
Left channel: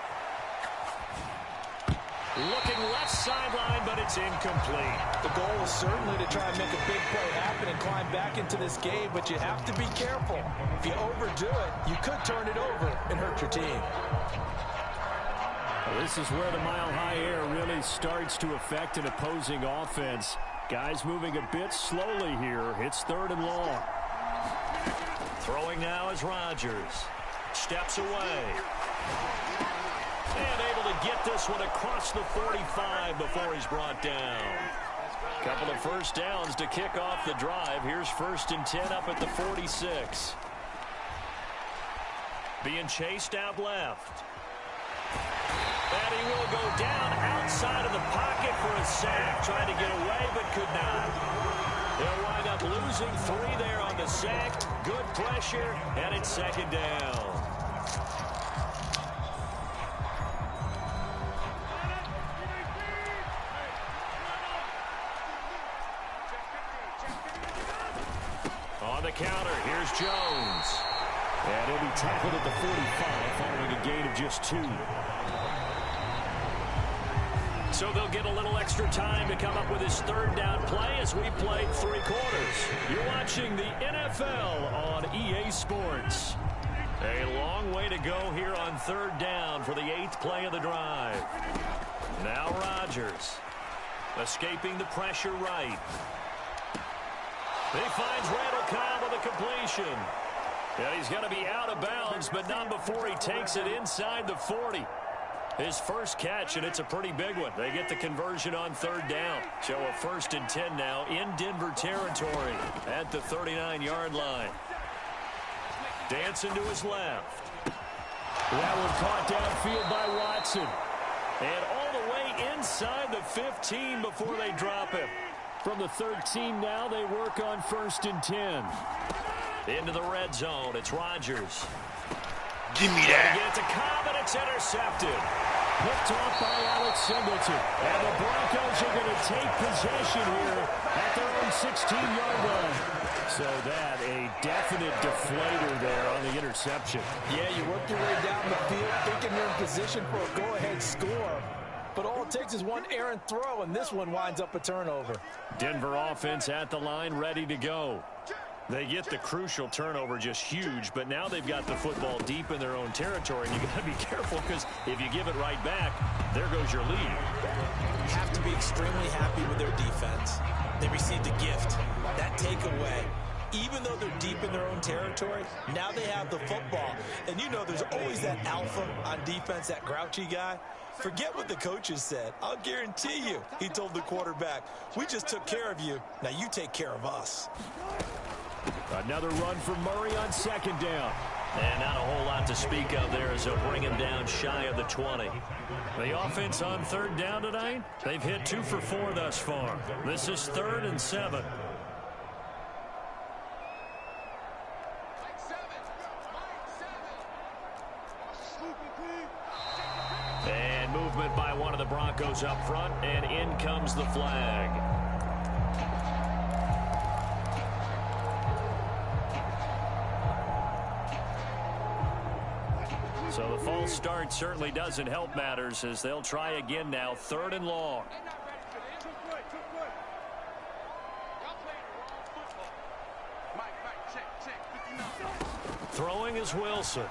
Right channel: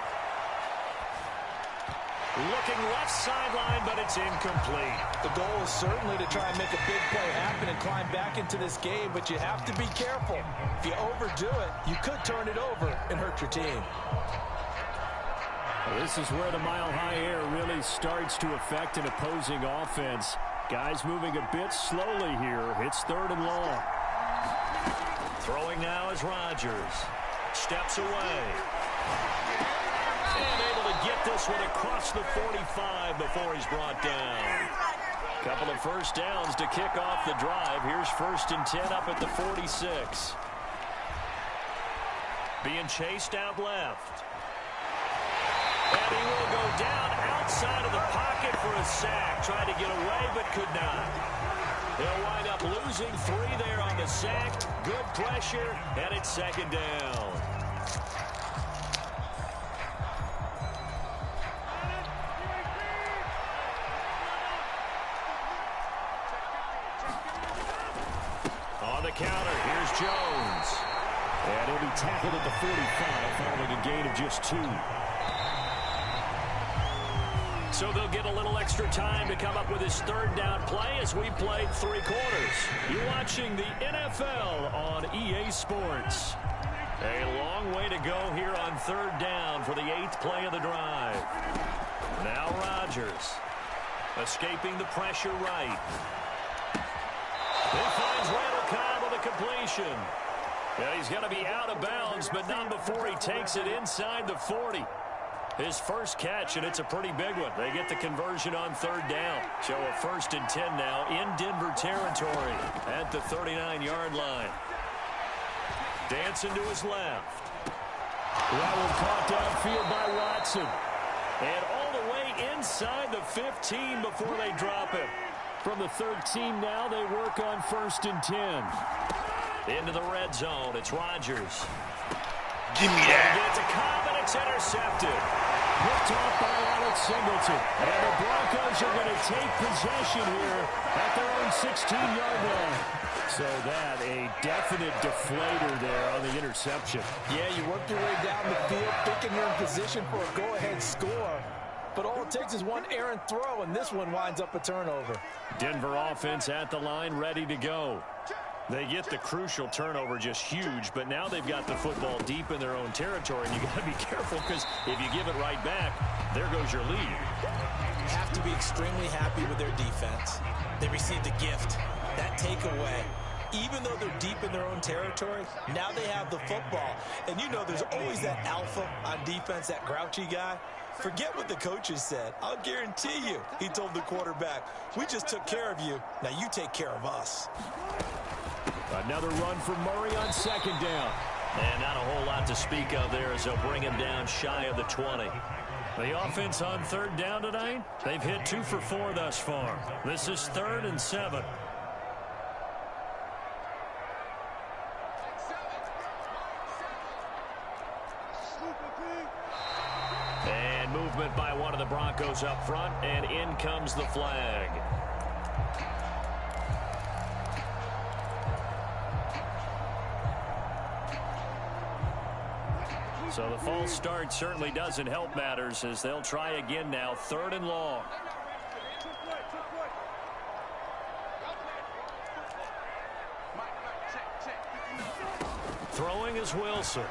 Looking left sideline, but it's incomplete. The goal is certainly to try and make a big play happen and climb back into this game, but you have to be careful. If you overdo it, you could turn it over and hurt your team. Well, this is where the mile-high air really starts to affect an opposing offense. Guys moving a bit slowly here. It's 3rd and long. Throwing now is Rodgers. Steps away. And able to get this one across the 45 before he's brought down. Couple of first downs to kick off the drive. Here's 1st and 10 up at the 46. Being chased out left. And he will go down outside of the pocket for a sack. Tried to get away, but could not. They'll wind up losing 3 there on the sack. Good pressure, and it's 2nd down. On the counter, here's Jones. And he'll be tackled at the 45 following a gain of just 2. So they'll get a little extra time to come up with his 3rd down play as we played 3 quarters. You're watching the NFL on EA Sports. A long way to go here on 3rd down for the 8th play of the drive. Now Rodgers escaping the pressure right. He finds Randall Cobb with a completion. And he's going to be out of bounds, but not before he takes it inside the 40. His first catch, and it's a pretty big one. They get the conversion on 3rd down. So a 1st and 10 now in Denver territory at the 39-yard line. Dancing to his left. That one caught downfield by Watson. And all the way inside the 15 before they drop him. From the 13 now, they work on 1st and 10. Into the red zone, it's Rodgers. Give me that. Get it to Cobb, and it's intercepted. Picked off by Alex Singleton. And the Broncos are going to take possession here at their own 16-yard line. So that, a definite deflator there on the interception. Yeah, you work your way down the field thinking you're in position for a go-ahead score. But all it takes is one errant throw, and this one winds up a turnover. Denver offense at the line, ready to go. They get the crucial turnover, just huge, but now they've got the football deep in their own territory, and you got to be careful because if you give it right back, there goes your lead. You have to be extremely happy with their defense. They received a gift. That takeaway, even though they're deep in their own territory, now they have the football. And you know there's always that alpha on defense, that grouchy guy. Forget what the coaches said. I'll guarantee you, he told the quarterback, we just took care of you. Now you take care of us. Another run for Murray on 2nd down. And not a whole lot to speak of there as they'll bring him down shy of the 20. The offense on 3rd down tonight, they've hit 2 for 4 thus far. This is 3rd and 7. And movement by one of the Broncos up front, and in comes the flag. So the false start certainly doesn't help matters as they'll try again now, 3rd and long. Throwing is Wilson.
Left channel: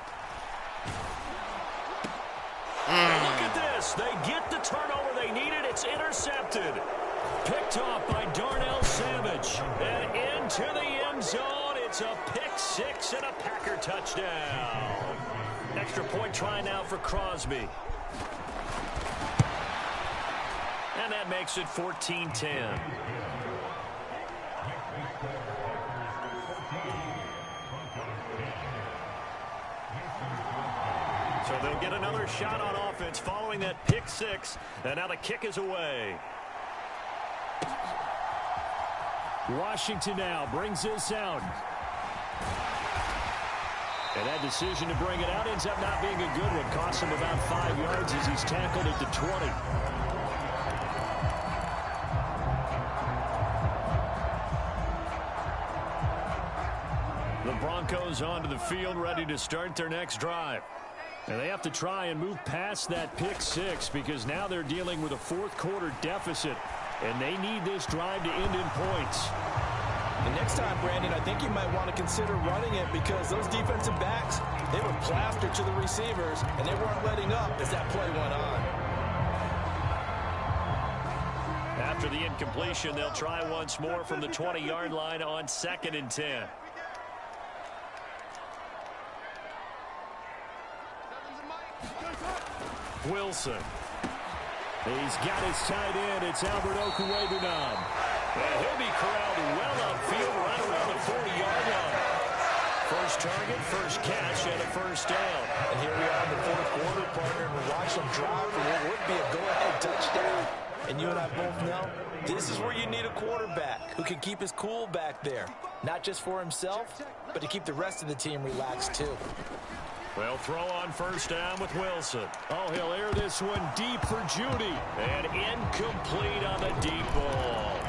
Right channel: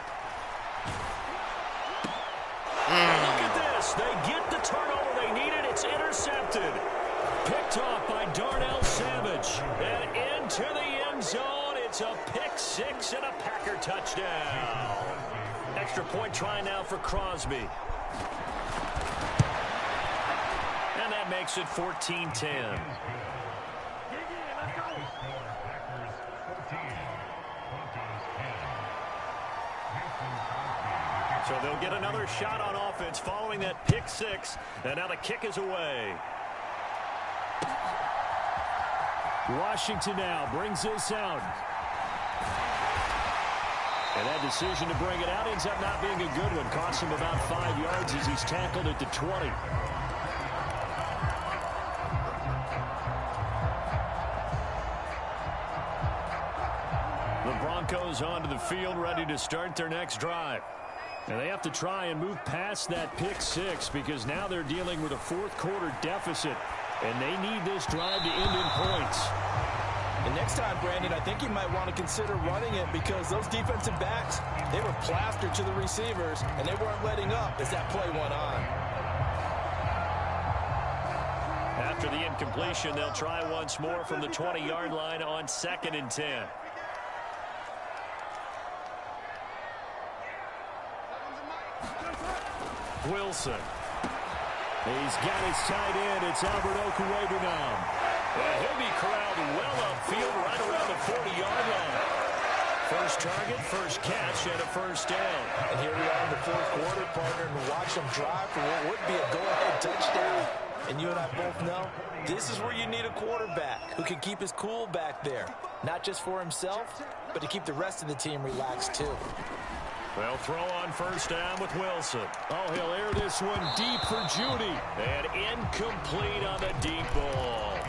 Look at this. They get the turnover they needed. It's intercepted. Picked off by Darnell Savage. And into the end zone. It's a pick 6 and a Packer touchdown. Extra point try now for Crosby. And that makes it 14-10. So they'll get another shot on offense following that pick 6. And now the kick is away. Washington now brings this out. And that decision to bring it out ends up not being a good one. Costs him about 5 yards as he's tackled at the 20. The Broncos onto the field, ready to start their next drive. And they have to try and move past that pick six because now they're dealing with a fourth-quarter deficit, and they need this drive to end in points. And next time, Brandon, I think you might want to consider running it because those defensive backs, they were plastered to the receivers, and they weren't letting up as that play went on. After the incompletion, they'll try once more from the 20-yard line on 2nd and 10. Wilson. He's got his tight end. It's Albert Okwuegbunam. And he'll be corralled well upfield right around the 40-yard line. First target, first catch, and a first down. And here we are in the fourth quarter, partner, and watch them drive for what would be a go-ahead touchdown. And you and I both know this is where you need a quarterback who can keep his cool back there. Not just for himself, but to keep the rest of the team relaxed too. They'll throw on first down with Wilson. Oh, he'll air this one deep for Judy. And incomplete on the deep ball.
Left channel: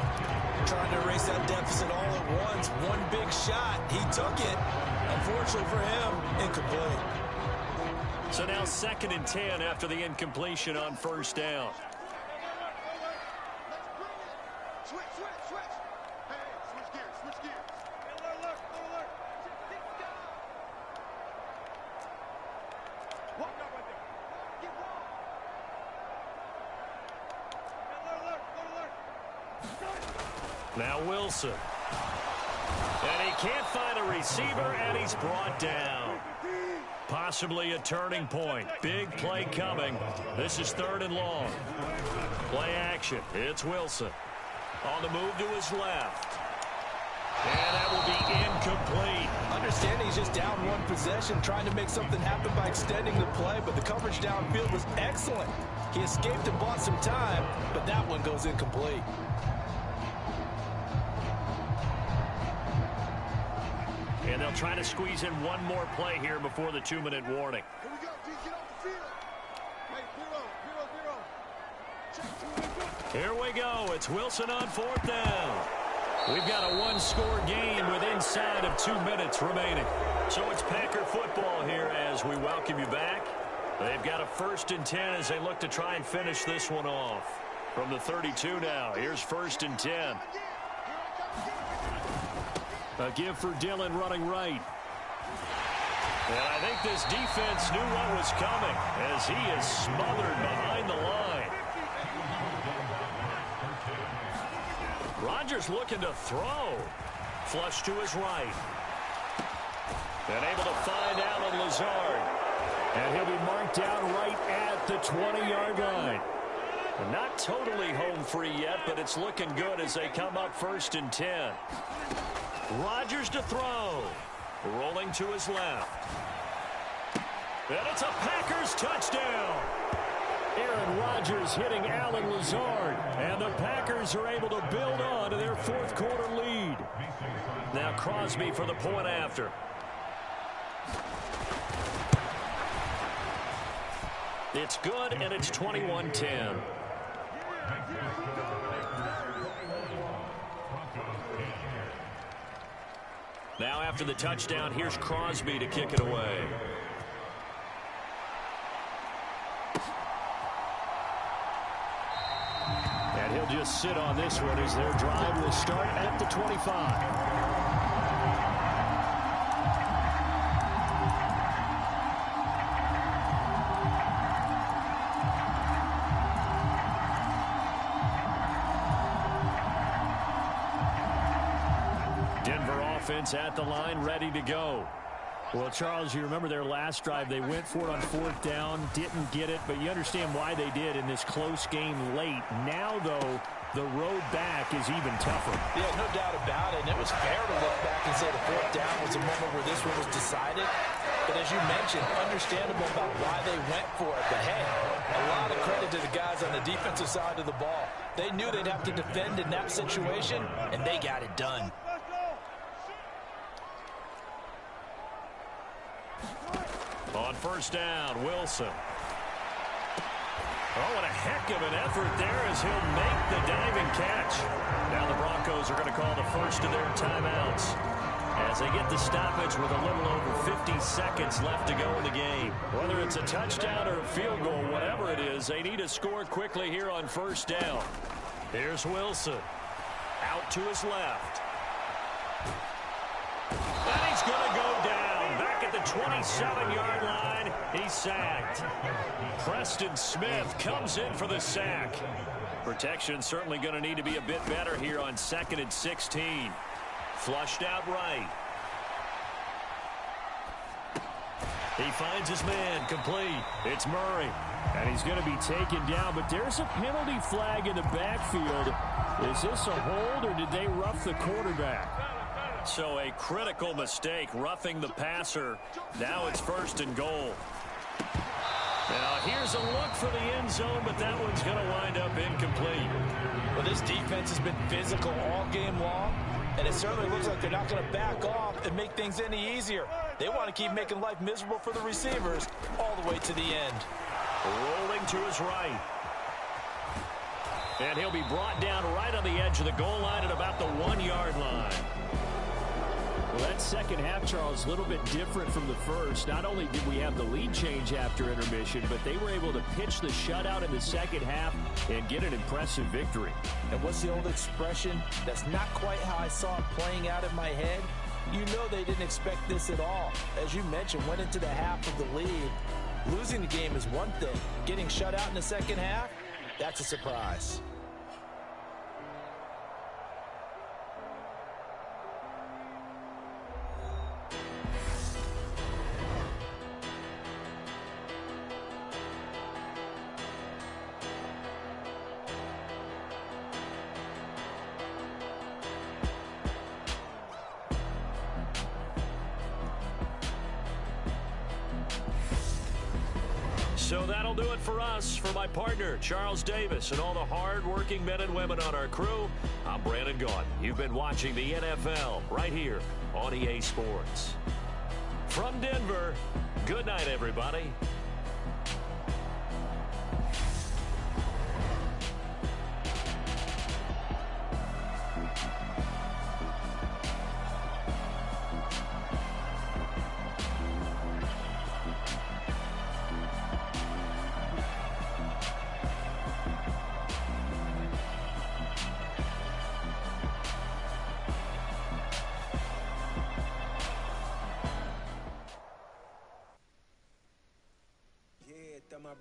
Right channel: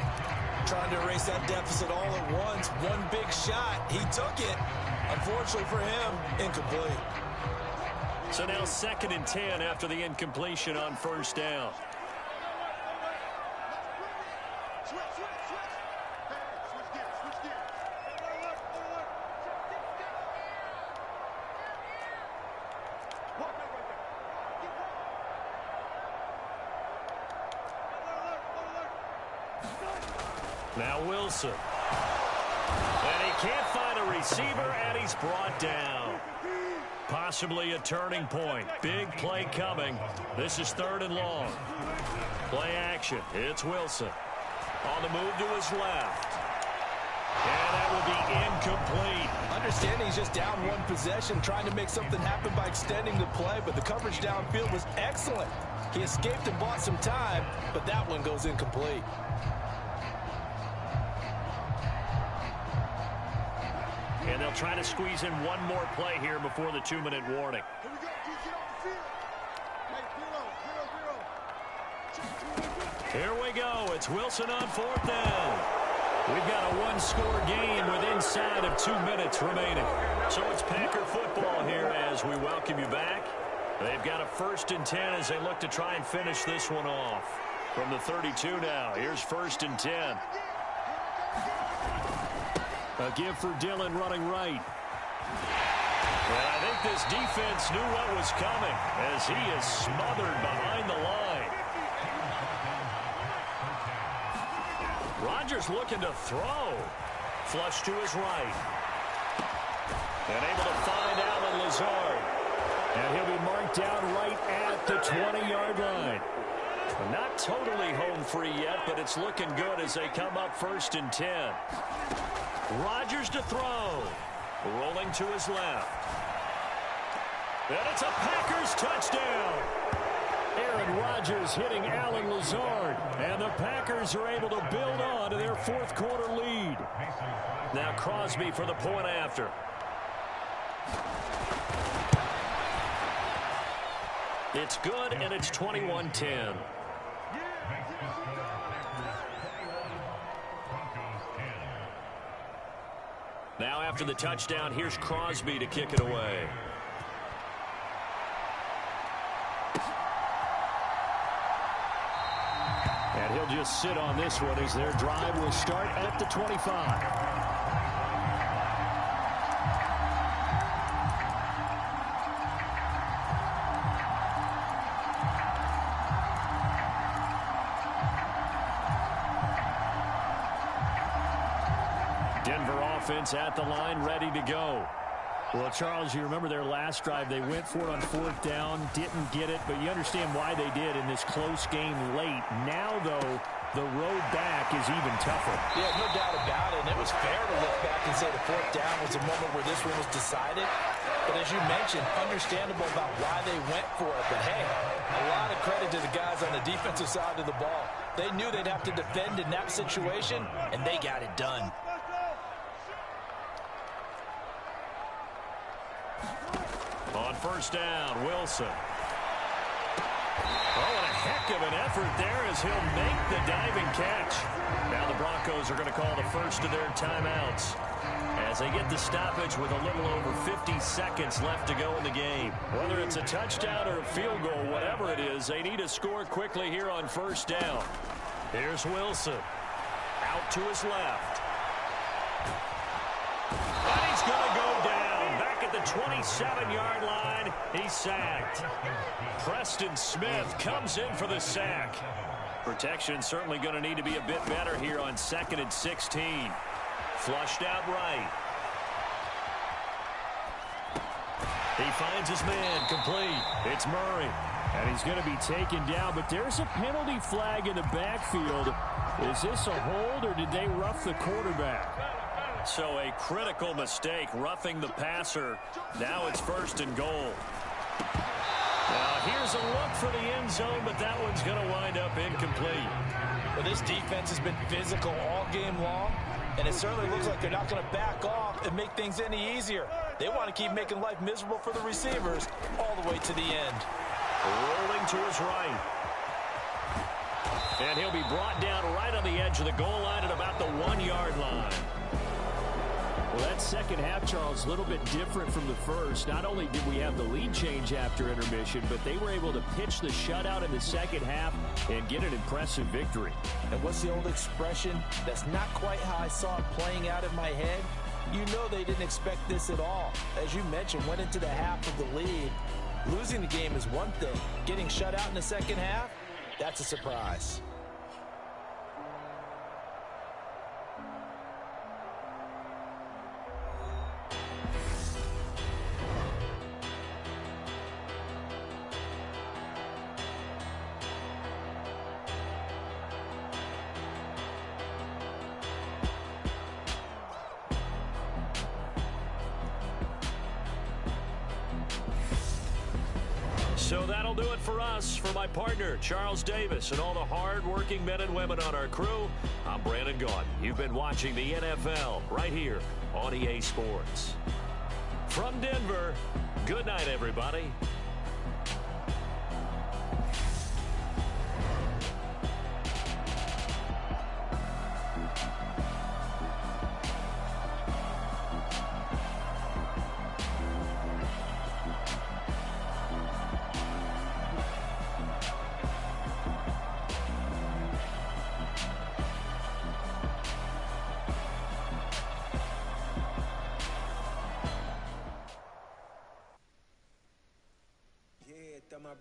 Trying to erase that deficit all at once. One big shot. He took it. Unfortunately for him, incomplete. So now 2nd and 10 after the incompletion on first down. Now Wilson. And he can't find a receiver, and he's brought down. Possibly a turning point. Big play coming. This is 3rd and long. Play action. It's Wilson. On the move to his left. And that will be incomplete. Understanding he's just down one possession, trying to make something happen by extending the play, but the coverage downfield was excellent. He escaped and bought some time, but that one goes incomplete. And they'll try to squeeze in one more play here before the 2-minute warning. Here we go. Just get off the field. Hey, 0-0-0. Here we go. It's Wilson on 4th down. We've got a one-score game with inside of 2 minutes remaining. So it's Packer football here as we welcome you back. They've got a 1st and 10 as they look to try and finish this one off. From the 32 now, here's 1st and 10. A give for Dillon running right. And I think this defense knew what was coming as he is smothered behind the line. Rodgers looking to throw. Flush to his right. And able to find Allen Lazard. And he'll be marked down right at the 20-yard line. Not totally home free yet, but it's looking good as they come up 1st and 10. Rodgers to throw. Rolling to his left. And it's a Packers touchdown. Aaron Rodgers hitting Allen Lazard. And the Packers are able to build on to their fourth-quarter lead. Now Crosby for the point after. It's good, and it's 21-10. Now after the touchdown, here's Crosby to kick it away. And he'll just sit on this one as their drive will start at the 25. Denver offense at the line, ready to go. Well, Charles, you remember their last drive. They went for it on 4th down, didn't get it, but you understand why they did in this close game late. Now, though, the road back is even tougher. Yeah, no doubt about it, and it was fair to look back and say the 4th down was a moment where this one was decided. But as you mentioned, understandable about why they went for it. But, hey, a lot of credit to the guys on the defensive side of the ball. They knew they'd have to defend in that situation, and they got it done. On 1st down, Wilson. Oh, and a heck of an effort there as he'll make the diving catch. Now the Broncos are going to call the first of their timeouts as they get the stoppage with a little over 50 seconds left to go in the game. Whether it's a touchdown or a field goal, whatever it is, they need to score quickly here on first down. Here's Wilson. Out to his left. And he's going to go down. Back at the 27-yard line, he's sacked. Preston Smith comes in for the sack. Protection certainly going to need to be a bit better here on 2nd and 16. Flushed out right. He finds his man complete. It's Murray. And he's going to be taken down, but there's a penalty flag in the backfield. Is this a hold, or did they rough the quarterback? So a critical mistake, roughing the passer. Now it's 1st and goal. Now here's a look for the end zone, but that one's going to wind up incomplete. Well, this defense has been physical all game long, and it certainly looks like they're not going to back off and make things any easier. They want to keep making life miserable for the receivers all the way to the end. Rolling to his right. And he'll be brought down right on the edge of the goal line at about the 1-yard line. Well, that second half, Charles, a little bit different from the first. Not only did we have the lead change after intermission, but they were able to pitch the shutout in the second half and get an impressive victory. And what's the old expression? That's not quite how I saw it playing out in my head. You know they didn't expect this at all. As you mentioned, went into the half of the lead. Losing the game is one thing. Getting shut out in the second half, that's a surprise. So that'll do it for us. For my partner, Charles Davis, and all the hard-working men and women on our crew, I'm Brandon Gaudin. You've been watching the NFL right here on EA Sports. From Denver, good night, everybody.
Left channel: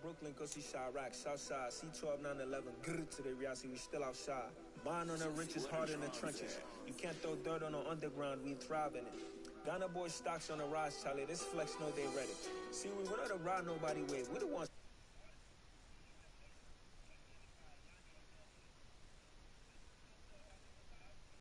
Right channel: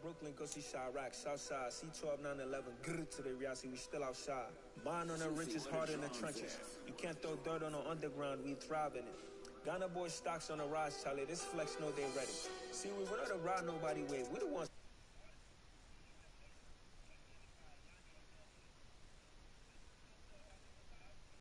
Brooklyn, go see Chirac, Southside, C12, 911, grr to the Riasi, we still outside. Mine on the riches, hard in the trenches. You can't throw dirt on the underground, we thrive in it. Ghana boys stocks on the rise, Charlie, this flex know they ready. See, we don't ride nobody wave, we the ones.